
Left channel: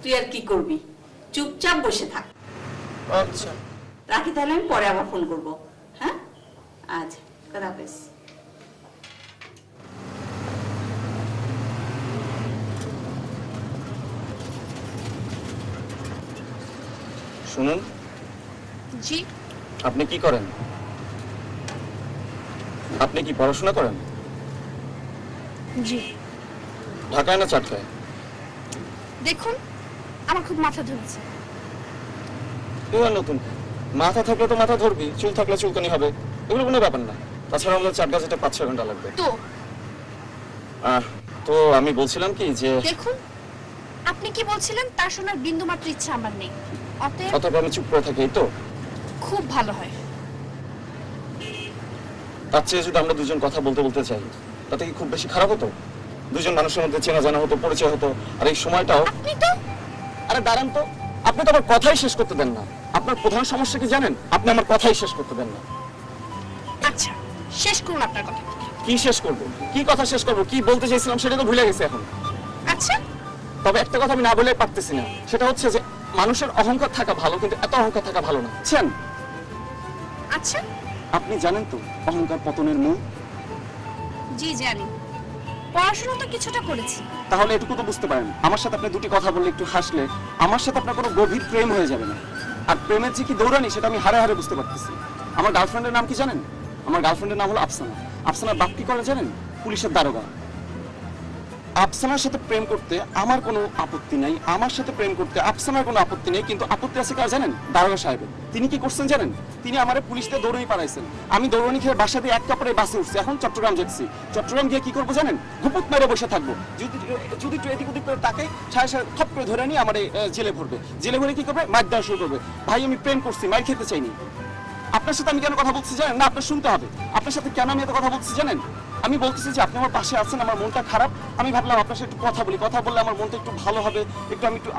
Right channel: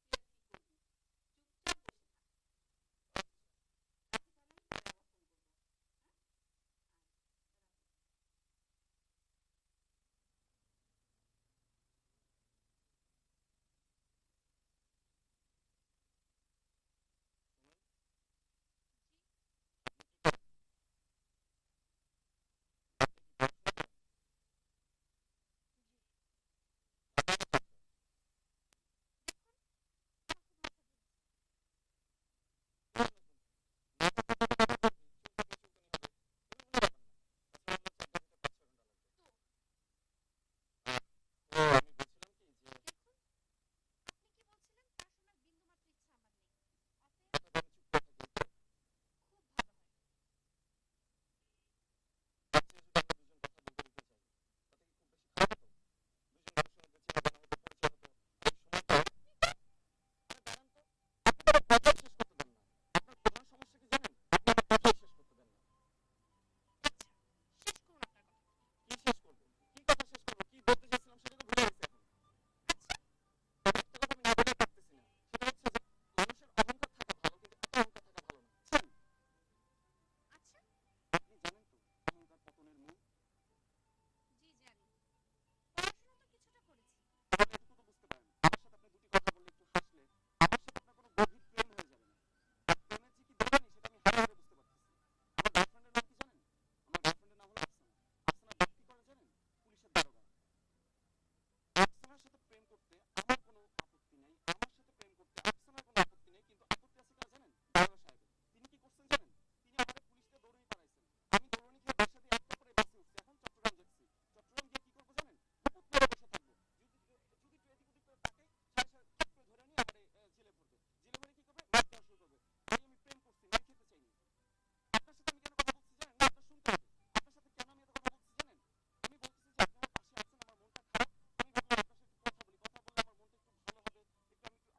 তুই আর কি করবি, চুপচাপ বসে থাক। আচ্ছা রাখি, তাহলে আমি পরে আবার ফোন করবো। হ্যাঁ, আজ খোদা হাফেজ। শুনুন, জি। আপনি কি করেন? আপনি কি পড়াশোনা করেন? জি। ঢাকায় না চাটকায়? দেখুন, আমার খুব মাথা ধরেছে। এবার নতুন মাথা থাকলে তো মাথা ধরবি, চুল থাকলে চুলকানি হবে, এগুলো কোনো ব্যাপার না। তাছাড়া আমাদের চাটকা যেতে 5-6 ঘন্টা লাগবে। তো আমি বলছিলাম কি যে দেখুন, আপনি কি বলছিলেন তার শোনার বিন্দু মাত্র ইচ্ছা আমার নেই। অতএব আমি চুপ করে থাকি, এই তো খুব ভালো হয়। তার চেয়ে যদি আমরা দুজন কথা বলতে বলতে চাই, তাতে কি খুব বেশি খারাপ হতো? দুজন মানুষের মধ্যে চেনা জানা হতো, পরিচয় হতো। আর এই সময়টাও আরে দাঁড়ান তো, আপনি তো আমার কথাই শেষ করতে দেন না। আপনার প্রধান সমস্যা কি জানেন? আপনি আমার কথাই শেষ করতে দেন না। আচ্ছা, শেষ করুন আপনার কথা। কি শেষ করবো? কি কথা শেষ করবো? কি বলতে চাইছিলাম সেটা তো ভুলে গেছি এখন। আচ্ছা, তবে একটা কথা আমি না বলে পারতেছি না, সেটা হচ্ছে যে মানুষের অহংকার থাকা ভালো, কিন্তু এত অহংকার থাকা ভালো না, বুঝছেন? আচ্ছা, আপনি জানেন তো অহংকার পতনের মূল? জি জানি। পড়াশোনা তো কিছুটা করেছি। তাহলে এটুকু তো বুঝতে পারেন, আমার সাথে আপনি দুটি কথা বললে, একটু হাসলে, আমার সাথে আপনার কোনো গভীর প্রেম হয়ে যাবে না। আর প্রেমের যে কি দৌড়ানি সেটা আমি হারে হারে বুঝতে পারতেছি। আমার গার্লফ্রেন্ডের নাম কি জানেন? আমার গার্লফ্রেন্ডের নাম হলো আফসানা। আফসানার বাপ কি করে জানেন? পুলিশের দারোগা। আফসানার সাথে প্রেম করতে আমার কোনো আপত্তি নাই, আমার সাথে প্রেম করতে আফসানার কোনো আপত্তি নেই, কিন্তু আপত্তি আছে কার জানেন? দারোগা সাহেবের। তিনি কি করছেন জানেন? তিনি আমারে পুলিশ দিয়ে দৌড়ানি পাঠাইছেন। আমি দৌড়ানি খেয়ে বাসা দিয়ে এক কাপড়ে বাসে উঠছি, এখন চট্টগ্রাম যাচ্ছি। চট্টগ্রাম গিয়ে কি করবো জানেন? গুপুত মেরে বসে থাকবো। যদি একটু এদিক ওদিক করে তাকে সাড়ে সাড়ে থপ করে ধরে নিয়ে আমার জেলে ভরবে। জেলে ভরে কি করবে? মার দেওয়া শুরু করবে। ভাই আমি প্রেম করছি, মার খেতে চাইনি। আপনার সাথে আমি কেন কথা বলছি জানেন? না, আপনার শুনতে হবে। আপনার সাথে কেন আমি এত কথা বলছি জানেন? আমি বলতেছি যে আপনি আমার পাশে আছেন, আমার মনটা খারাপ, আমি ভাবলাম আপনার সাথে একটু কথা বলি, কথা বললে আমার মনটা একটু ভালো হবে,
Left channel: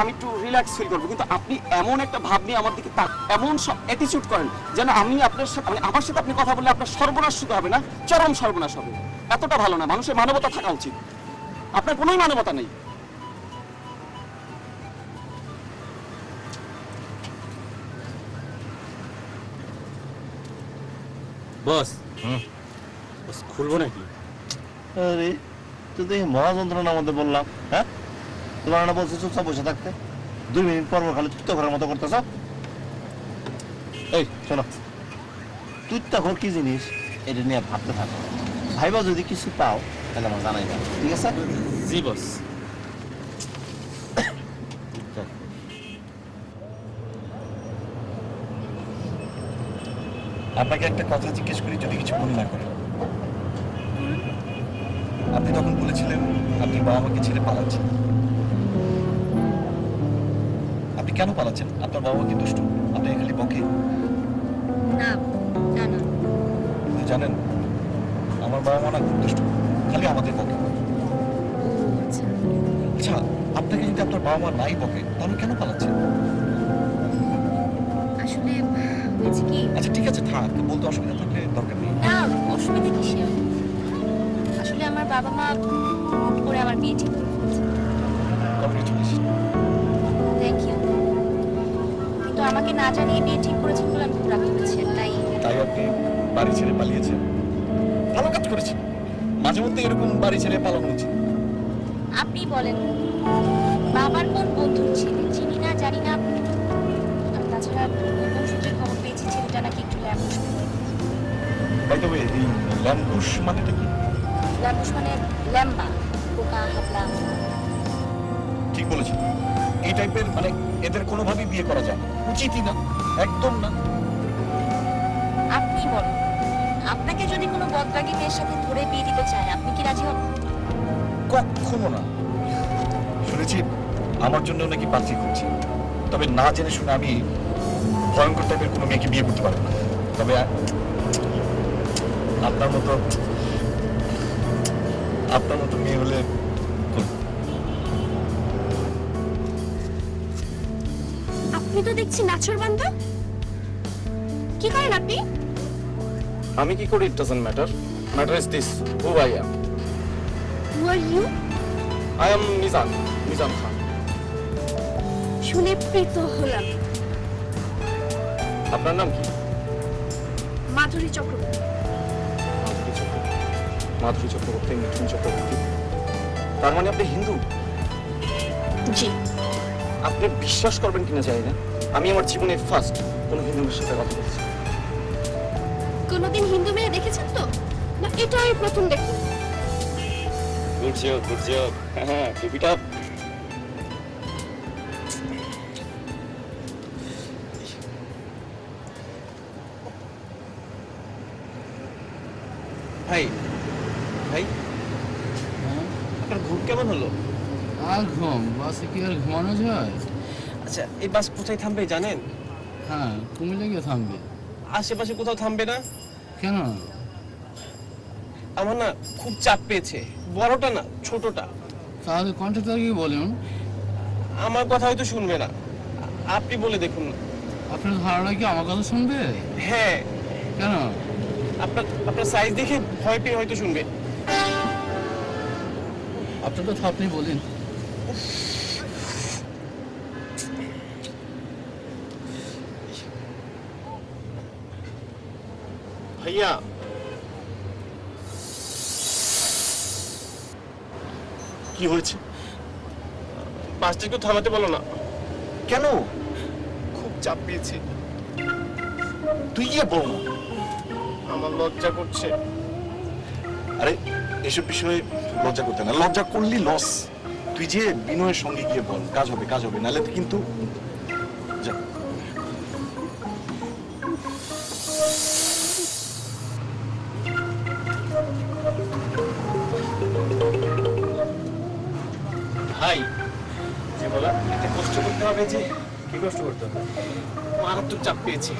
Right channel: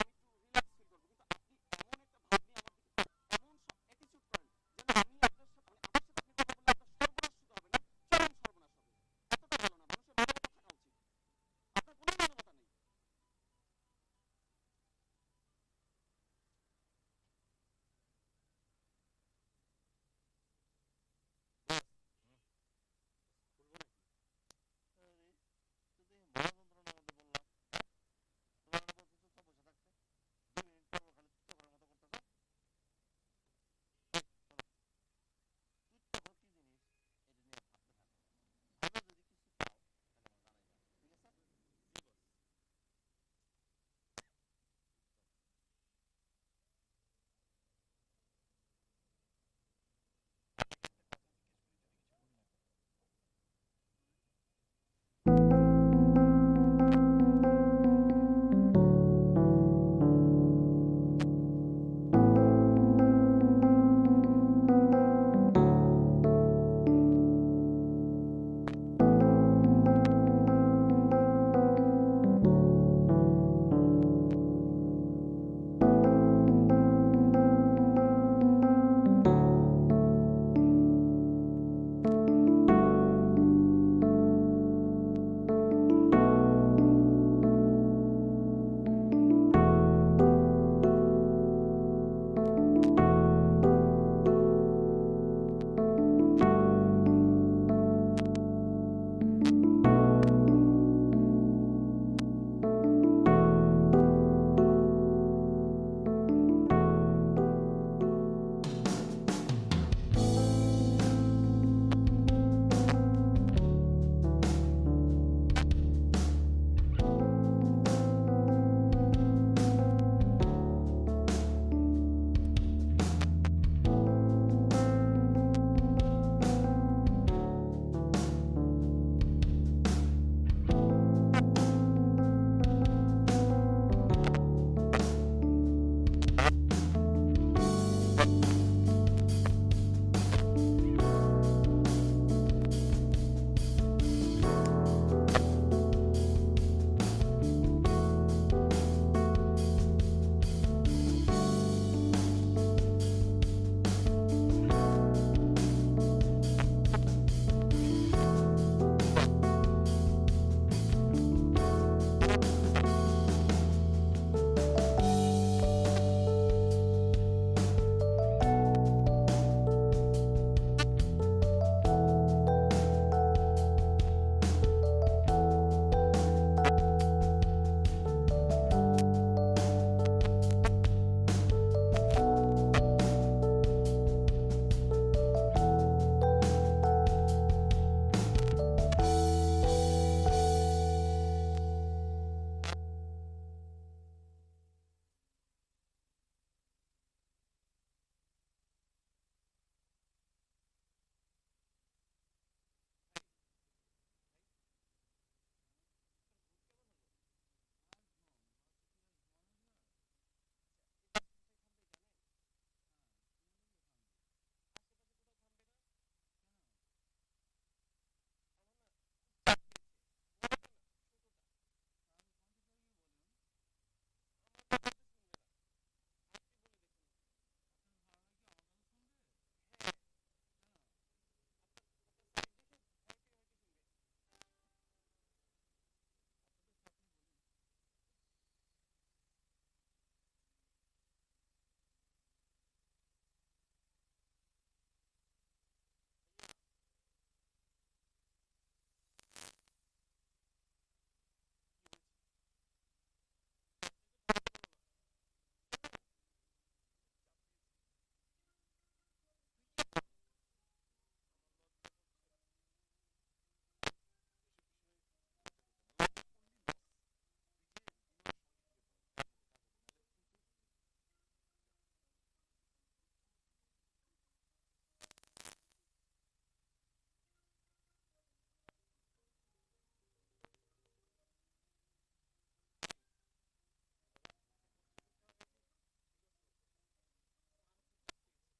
আমি একটু রিল্যাক্স ফিল করবো। কিন্তু আপনি এমন একটা ভাব নিয়ে আমার দিকে এমন সব অ্যাটিটিউড করেন যেন আমি আপনার সাথে, আমার সাথে আপনি কথা বললে আপনার সর্বনাশ শুধু হবে না, চরম সর্বনাশ হবে। এতটা ভালো না। মানুষের মানবতা থাকা উচিত। আপনার কোনোই মানবতা নেই। বস, বস খুলবো নাকি? আরে তুই তো এই মহা যন্ত্রণার মধ্যে বললাম, হ্যাঁ? তোমার না বলছো চুপচাপ বসে থাকতে, 2 মিনিট পর খালি তুত্তা ঘরের মতো করতেছ। এই শোনো, তুত্তা ঘর কি জিনিস এটা নিয়ে ভাবতে থাকো। ভাইবা যদি কিছু পাও তাহলে আমার জানাই দাও, ঠিক আছে? জি বস। আপনাকে একটা কথা জিজ্ঞেস করি, যদি কিছু মনে না করেন। আপনি তখন বলেছিলেন আপনি বাবা মাকে ছেড়ে পালাচ্ছেন। আপনি কেন পালাচ্ছেন? আপনার বাবা মা কি দুষ্ট? আপনি খালি বকে? না না না, আপনি জানেন আমার বাবা মা না খুব দুষ্ট, খালি আমাদের বকে। আচ্ছা, আপনাকে যদি আপনার বাবা মা নাই বকে তাহলে কেন পালাচ্ছেন? আসলে হয়েছে কি, আচ্ছা ঠিক আছে, থাক, বলতে অসুবিধা থাকলে দরকার নেই। না অসুবিধা কিসের? আসলে আমার বাবা মা হুট করে আমার বিয়ে ঠিক করে ফেলেছে। কংগ্রেচুলেশন। Thank you. কিন্তু আমাকে না জানিয়ে বিয়ে ঠিক করেছেন বলে আমি খুব রাগ করেছি, তাই আপনি বাড়ি ছেড়ে পালিয়েছেন? ভালো কাজ করেছেন। মাঝে মধ্যে এরকম বাড়ি ছেড়ে পালানো উচিত। আপনি বলেন, বাবার কোন বন্ধুর ছেলে চিনি না জানি না, আর তাছাড়া গোপন সূত্রে খবর পেয়েছি ছেলেটা নাকি একটু ল্যাম্বুশ। বাই দ্য ওয়ে, এই ল্যাম্বুশ মানেটা কি? ল্যাম্বুশ মানে ল্যাম্বা, পোকা, হাবলা। ঠিক বলেছেন। এই টাইপের মানে এদের কোনোভাবেই বিয়ে করা যায় না, উচিতই না, একদম না। আপনি বলেন, আপনাকে যদি কোনো বদরাগী মেয়ের সাথে ধরে বিয়ে দিতে চায়, আপনি কি রাজি হবেন? কখনো না। শুনেছি আমার জন্য নাকি পাত্রী খুঁজছে। তবে না জেনে শুনে আমি ভয়ঙ্কর টাইপের কোনো মেয়েকে বিয়ে করতে পারবো না। তবে আপনার মতো মেয়ে হলে আপনি তো দেখছি নাছর বান্দা। কি করেন আপনি? আমি কি করি, it doesn't matter. Matter is this, who I am. Who are you? I am Mizan Khan. শুনে প্রীত হলাম। আপনার নাম কি? মাধুরী চক্রবর্তী। মাধুরী চক্রবর্তী, মিঠুন চক্রবর্তী। তার মানে আপনি হিন্দু? জি। আপনি বিশ্বাস করবেন কিনা জানি না, আমি আমার জীবনে ফার্স্ট কোনো হিন্দু মেয়ের সাথে কথা বলছি। কোনোদিন হিন্দু মেয়ে দেখেছেন তো? না এটাই প্রথম দেখুন? Good job. হ্যাঁ, বেবিটা ভাই ভাই আপনার ঘুম কেমন হলো? আর ঘুম, বাসে কি আর ঘুমানো যায়? আচ্ছা, এই বাস কোথায় থামবে জানেন? হ্যাঁ, কুমিল্লা গিয়ে থামবে। আশেপাশে কোথাও থামবে না? কেন? আমার না খুব চাপ পেয়েছে, বড়টা না ছোটটা। তাহলে কন্ট্রাক্টরকে বলুন। আমার কথা হয়তো শুনবে না, আপনি বলে দেখুন না। আপনার ধারণা কি আমার কথা শুনবে? হ্যাঁ, কেন? আপনার সাইজ দেখে ভয় পেয়ে হয়তো শুনবে। আপনার কথা আপনি বলেন। ভাইয়া, কি হয়েছে? বাসটা একটু থামাতে বলো না। কেন? খুব চাপ পেয়েছে। তুই গিয়ে বল না। আমার লজ্জা করছে। আরে এসব বিষয়ে লজ্জা করতে না, লজ্জা করলি লস। তুই যে বিনয়ের সঙ্গে গিয়ে বল, কাজ হবে, নাহলে কিন্তু যা। ভাই, যে বলা এতে কষ্ট করতে হবে যে। কি কষ্ট করতে হবে? মারাত্মক চাপ পেয়েছি,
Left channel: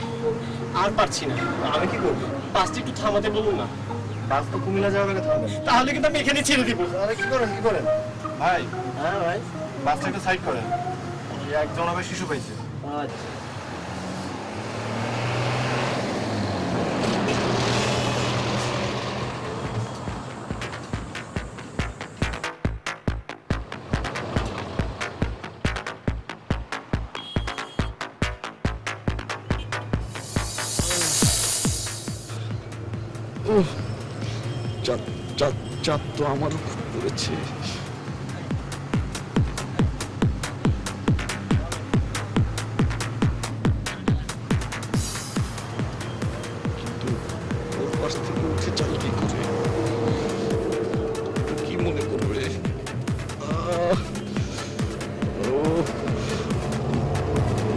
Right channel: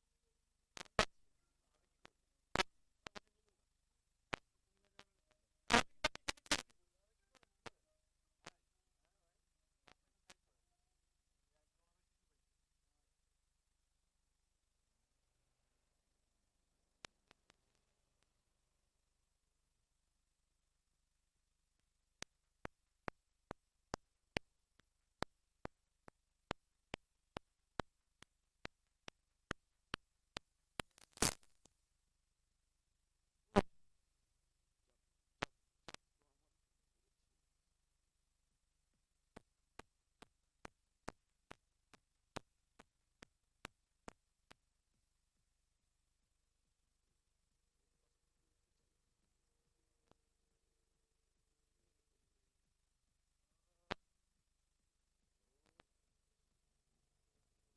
আর পারছি না। আমি কি করবো? বাসটা একটু থামাতে বলুন না। বাস তো কুমিল্লা যাওয়ার আগে থামবে, তাহলে কিন্তু আমি এখানে ছেড়ে দিব। আরে কি করেন ভাই? হ্যাঁ ভাই। বাসটা একটু সাইড করেন, একজন আবার শিশু পাইছে। আচ্ছা। চাপ তো আমারও খুব পড়েছে। কিন্তু ওর পাশ থেকে উঠে যাবে কি করে? ও কি মনে করবে?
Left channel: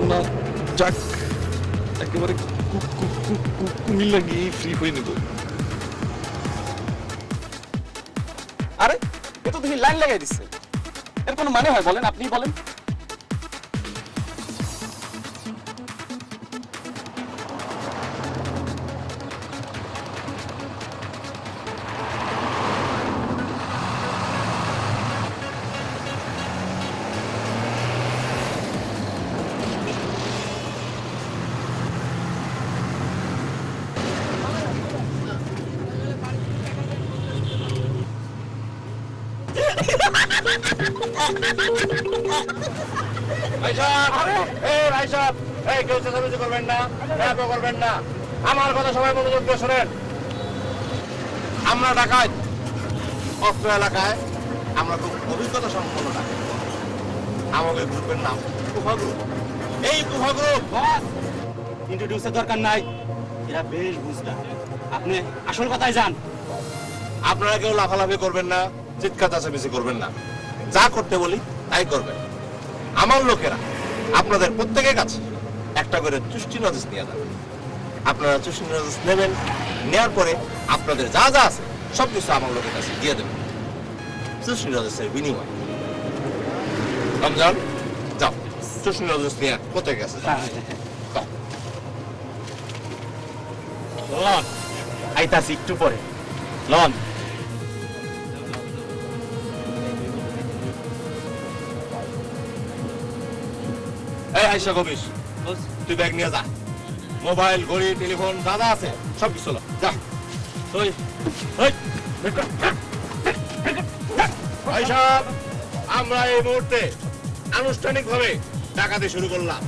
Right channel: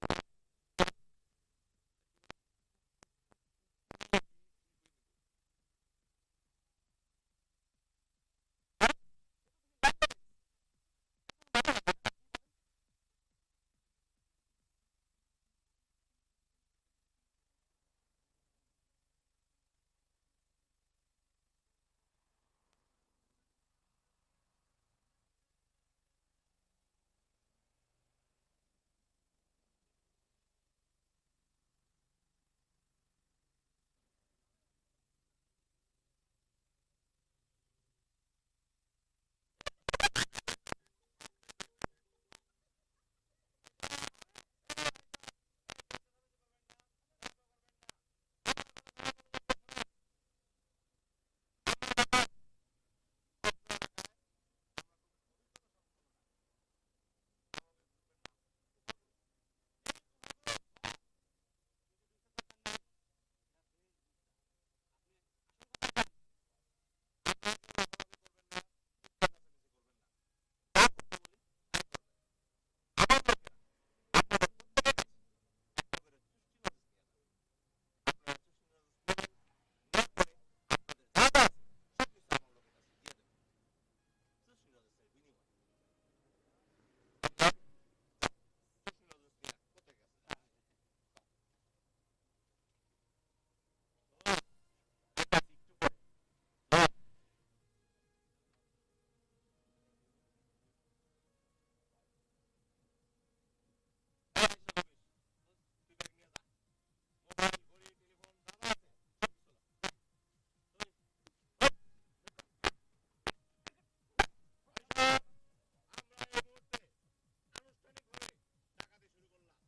না, যাক, একেবারে কুমিল্লা গিয়ে ফ্রি হয়ে নেব। আরে এ তো দেখি লাইন লাগাই দিচ্ছে, এর কোনো মানে হয় বলেন? আপনি বলেন। আমার কথা সবাই মনোযোগ দিয়ে শোনেন। আমরা ঢাকায় অস্ত্র এলাকায় আমরা খুব অভিজ্ঞতা সম্পন্ন ডাকাত। আমাদের গ্রুপের নাম কুফা গ্রুপ। এই কুফা গ্রুপ ইন্ট্রোডিউসের দরকার নাই, এরা বেশ বুঝলা। আপনি আসল কথায় যান। আপনারা কেউ লাফালাফি করবেন না, চিৎকার চাচামেচি করবেন না, যা করতে বলি তাই করবেন। আমার লোকেরা আপনাদের প্রত্যেকের কাছে একটা করে চুষ্টি নজেস নিয়ে যাবে। আপনারা চুষ্টি নজেস নেবেন, নেওয়ার পরে আপনাদের যা যা আছে সবকিছু আমার লোকের কাছে দিয়ে দেবেন চুষ্টি নজেসের বিনিময়। রমজান যাও। চুষ্টি নজর নিয়ে কোথায় গেছে লন আইতাছি একটু পরে লন এই আইসা কবিস তুই ব্যাগ নিয়ে যা মোবাইল ঘড়ি টেলিফোন যা যা আছে সব কিছু লো, যা ওই ওই আইসা আমরা এই মুহূর্তে আনুষ্ঠানিক ভাবে ডাকাতি শুরু করলাম।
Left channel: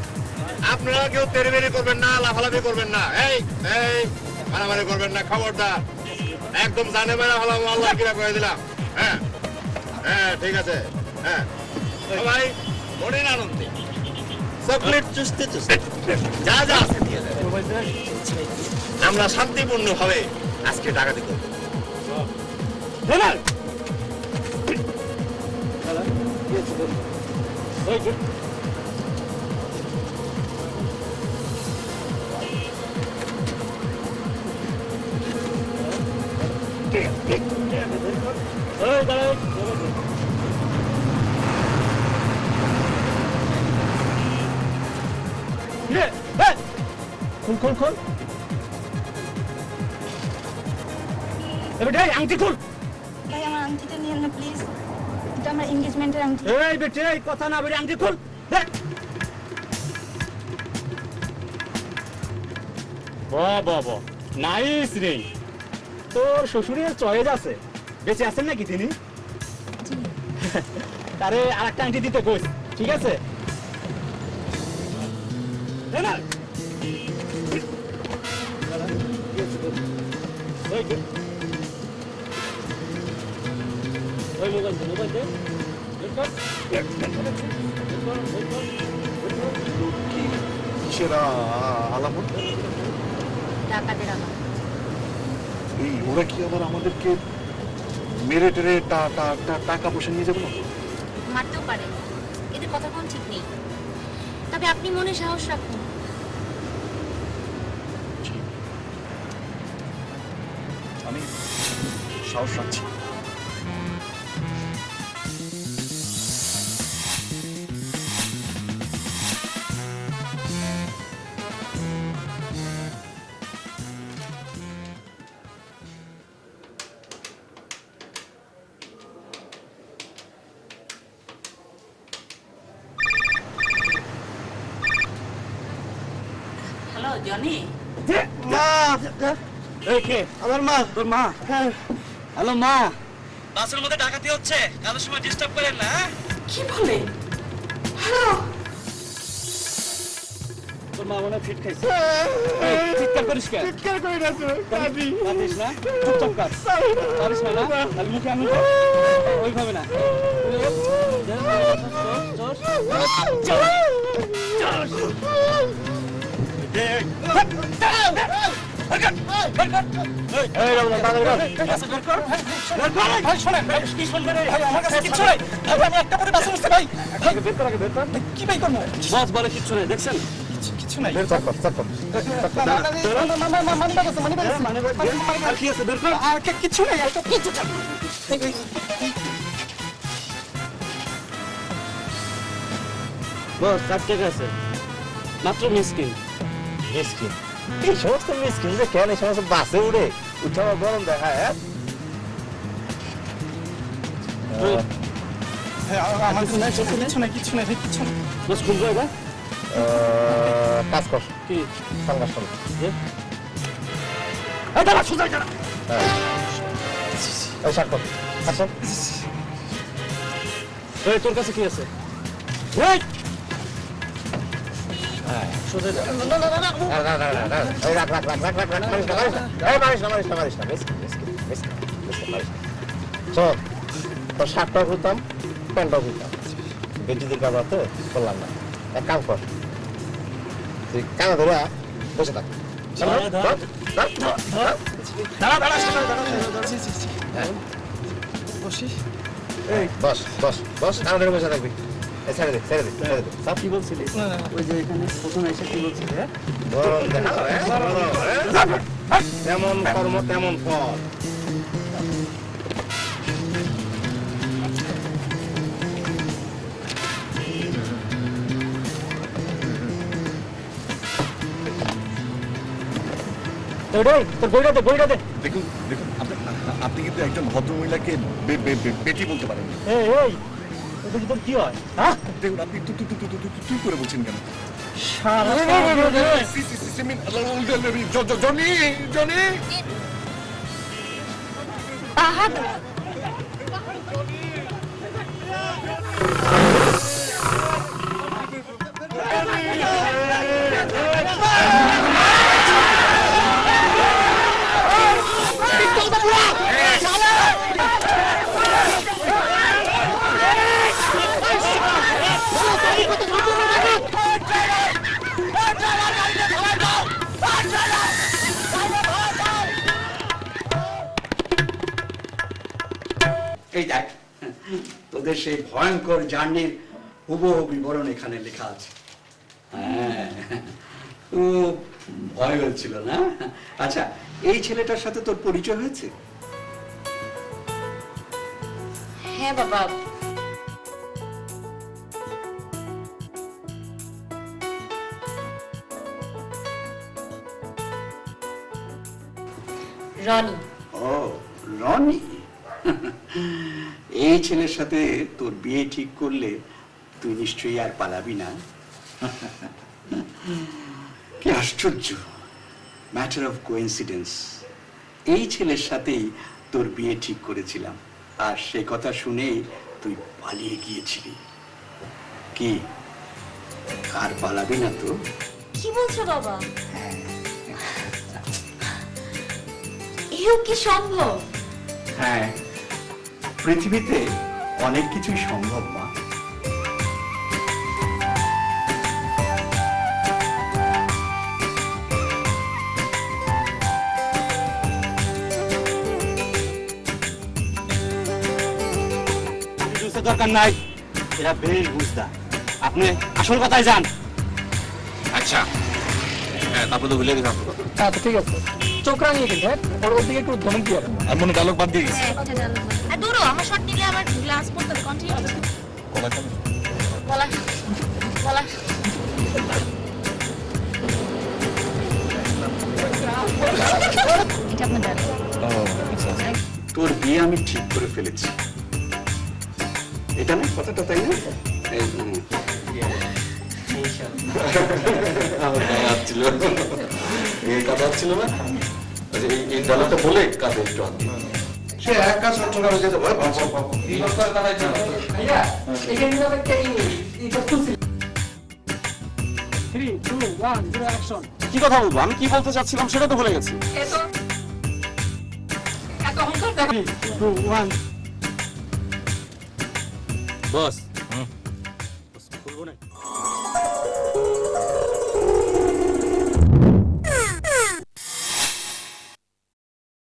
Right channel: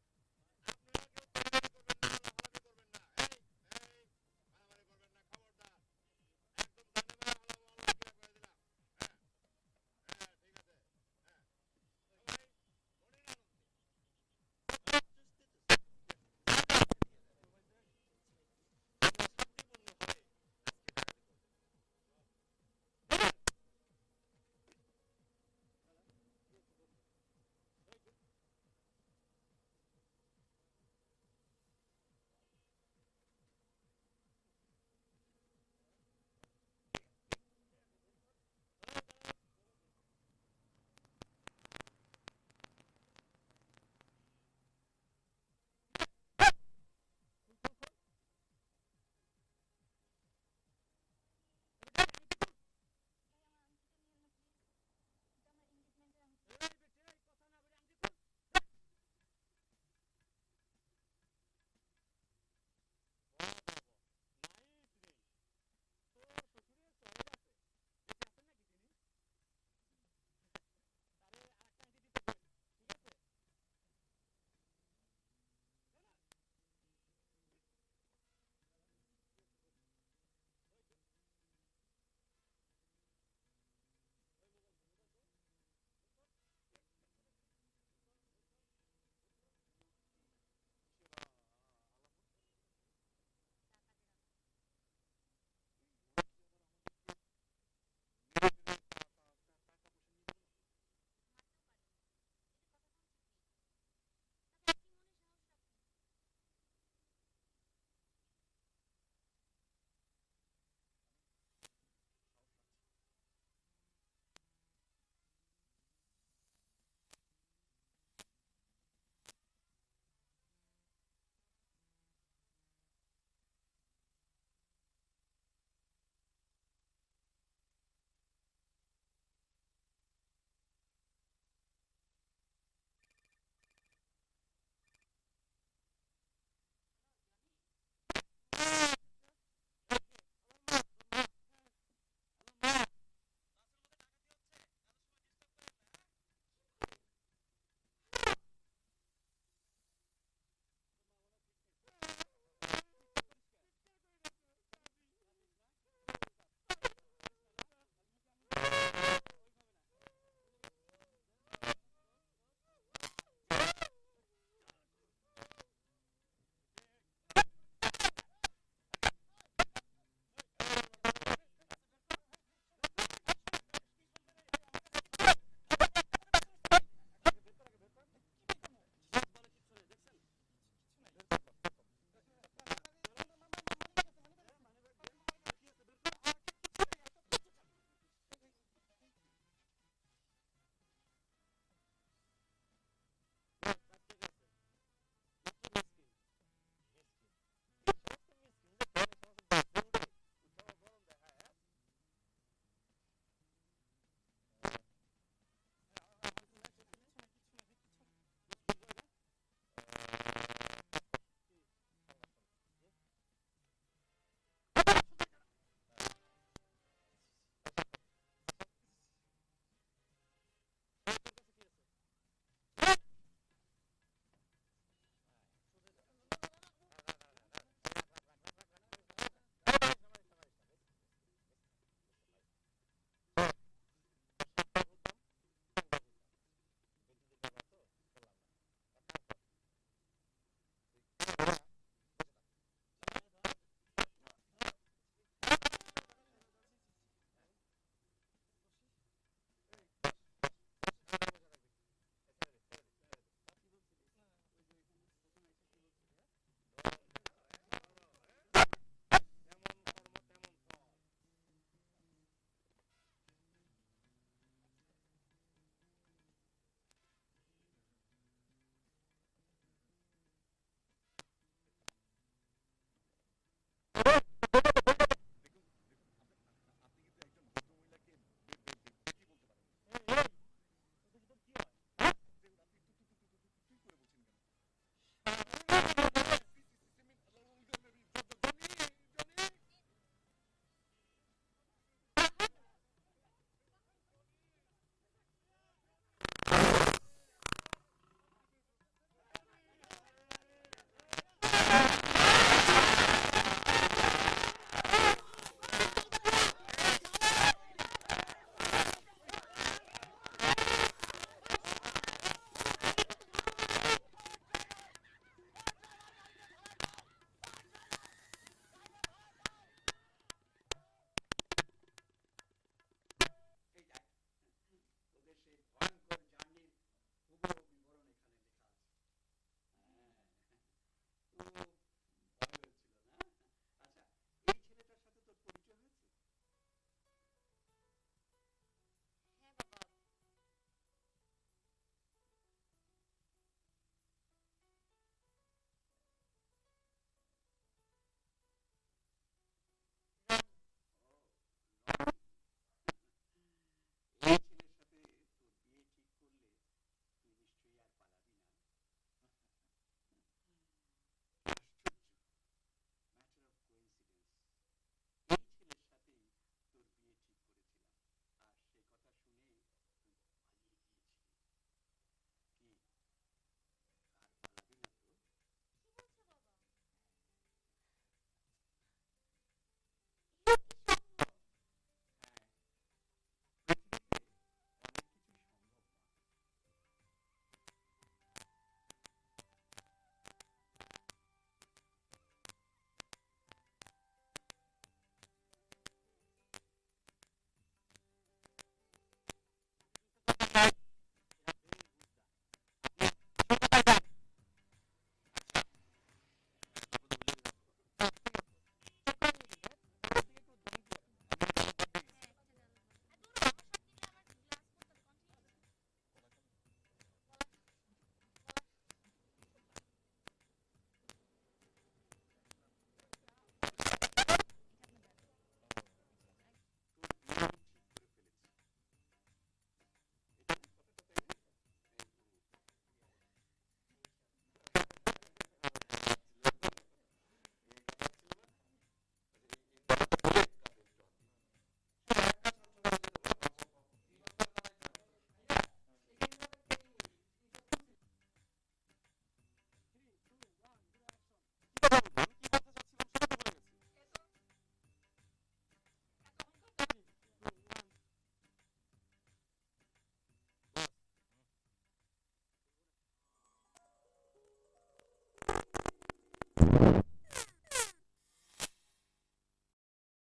আপনারা কেউ তেড়েবেড়ি করবেন না, লাফালাফি করবেন না, এই এই মারামারি করবেন না, খবরদার একদম জানে মেরা হলাম, আল্লাহ কিরা করে দিলাম। হ্যাঁ হ্যাঁ ঠিক আছে। হ্যাঁ সবাই মনের আনন্দে চকলেট চুষতে চুষতে যা যা আছে নিয়ে যাবে। আমরা শান্তিপূর্ণ ভাবে আজকে ডাকাতি করব। খুল খুল খুল এবারে আংটি খুল ভাই আমার আংটিটা নিয়েন না প্লিজ, এটা আমার এনগেজমেন্টের আংটি। এই বেটে এই কথা না বলে আংটি খুল বাহ বাহ বাহ নাইস রে তোর শ্বশুরের চয়েস আছে বেঁচে আছেন নাকি তিনি তারে আরেকটা আংটি দিতে কইস ঠিক আছে না ওই মোবাইল দে কিসেরা আলামত? ডাকাতের আলাপ। এই ওরা কি আবার আমাদেরকে মেরে টেরে টাকা পয়সা নিয়ে যাবে না? মারতেও পারে, এদের কথা কোন ঠিক নেই। তবে আপনি মনে সাহস রাখুন। আমি সাহস রাখছি। হ্যালো জনি, মা এই কে আমার মা তোর মা হ্যালো মা বাসের মধ্যে ডাকাতি হচ্ছে কারোর সময় ডিস্টার্ব করেন না কি বলে? হ্যালো, তোর মা মনে ফিট খাইছে চিৎকার করিস কেন চিৎকার করি না তো কাঁদিস না চুপচাপ কাঁদ কাঁদিস না তাহলে মুখে আমি ওইভাবে না কি ভাই করবো বস বলে কিচ্ছু নেই দেখছেন কিছু নাই কিছু নেই বস 60 টাকা আছে মাত্র মিসকিন মিসকিন এই সমস্ত মিসকিন যে কেন এই সমস্ত বাসে উঠে উঠাও গরম দেখায় বস খুলবো এবার কাজ কর কি সাংঘাস কর তোর কাছে কি আছে তোর শার্টটাও খুলতাম প্যান্টটাও খুলতাম গেঞ্জি দিন কাজ তো করলাম না এক কাম কর তুই কানা ধরে বসে থাক বস বস বস কানা ধরে বসে থাকবি ছেড়ে দে ছেড়ে দে ছেড়ে দে সব কি বলছিলি ওই যে এখানে প্রথম এসে কি বলছিলি গরম দেখাও তেমন কর্ম তেমন ফল দেখুন দেখুন আপনি কিন্তু একজন ভদ্রমহিলাকে বেটি বলতে পারেন কি হয় হ্যাঁ দেখুন আপনি তুই করে বলছেন কেন জনি জনি এই দেখ, তোদের সেই ভয়ঙ্কর জার্নির হুবহু বিবরণ এখানে লেখা আছে। হ্যাঁ, খুব ভয় হচ্ছিল না? আচ্ছা, এই ছেলেটার সাথে তোর পরিচয় হয়েছে? হ্যাঁ বাবা, রনি। ও, রনি। এই ছেলের সাথে তোর বিয়ে ঠিক করলে তুই নিশ্চয়ই আর পালাবি না। কি আশ্চর্য, ম্যাটার অফ কোইন্সিডেন্স। এই ছেলের সাথেই তোর বিয়ে ঠিক করেছিলাম, আর সে কথা শুনেই তুই পালিয়ে গিয়েছিলি। কি আর পালাবি না তো? কি বলছো বাবা? এও কি সম্ভব? হ্যাঁ, পৃথিবীতে অনেক কিছুই সম্ভব মা। দরকার নাই, এরা বেশ বুঝদার। আপনি আসল কথায় যান। আচ্ছা হ্যাঁ, তারপরে তো ভুলে গেছি আপনার কথা। হ্যাঁ ঠিক আছে, চোখ রাঙিয়ে কিন্তু হ্যাঁ, পরবর্তী দিকে একটু ধমক দিয়ে আর মনে ডায়লগ বাদ দিয়ে গেছি দূরও আমার শট নিলে আমার গ্লাস পড়তে হবে। কন্টিনিউ কলা কেন বলা বলা। এটা আপনার ডায়লগ। তোর বিয়ে আমি ঠিক করে ফেলেছি। এটা না কথাটা, তাই না? আমার গায়ে হাত ছিল, এই কাঁধে হাত ছিল না? আচ্ছা, এই ডালাটা বলে কাঁধে একটু হাত দিই। সে এক কাজ করছো কারো যেতে ভয় পাচ্ছ। কি কথা বলবো? আমি কি বলতে চাচ্ছিলাম সেটা তো ভুলে গেছি। বস খুলবো না।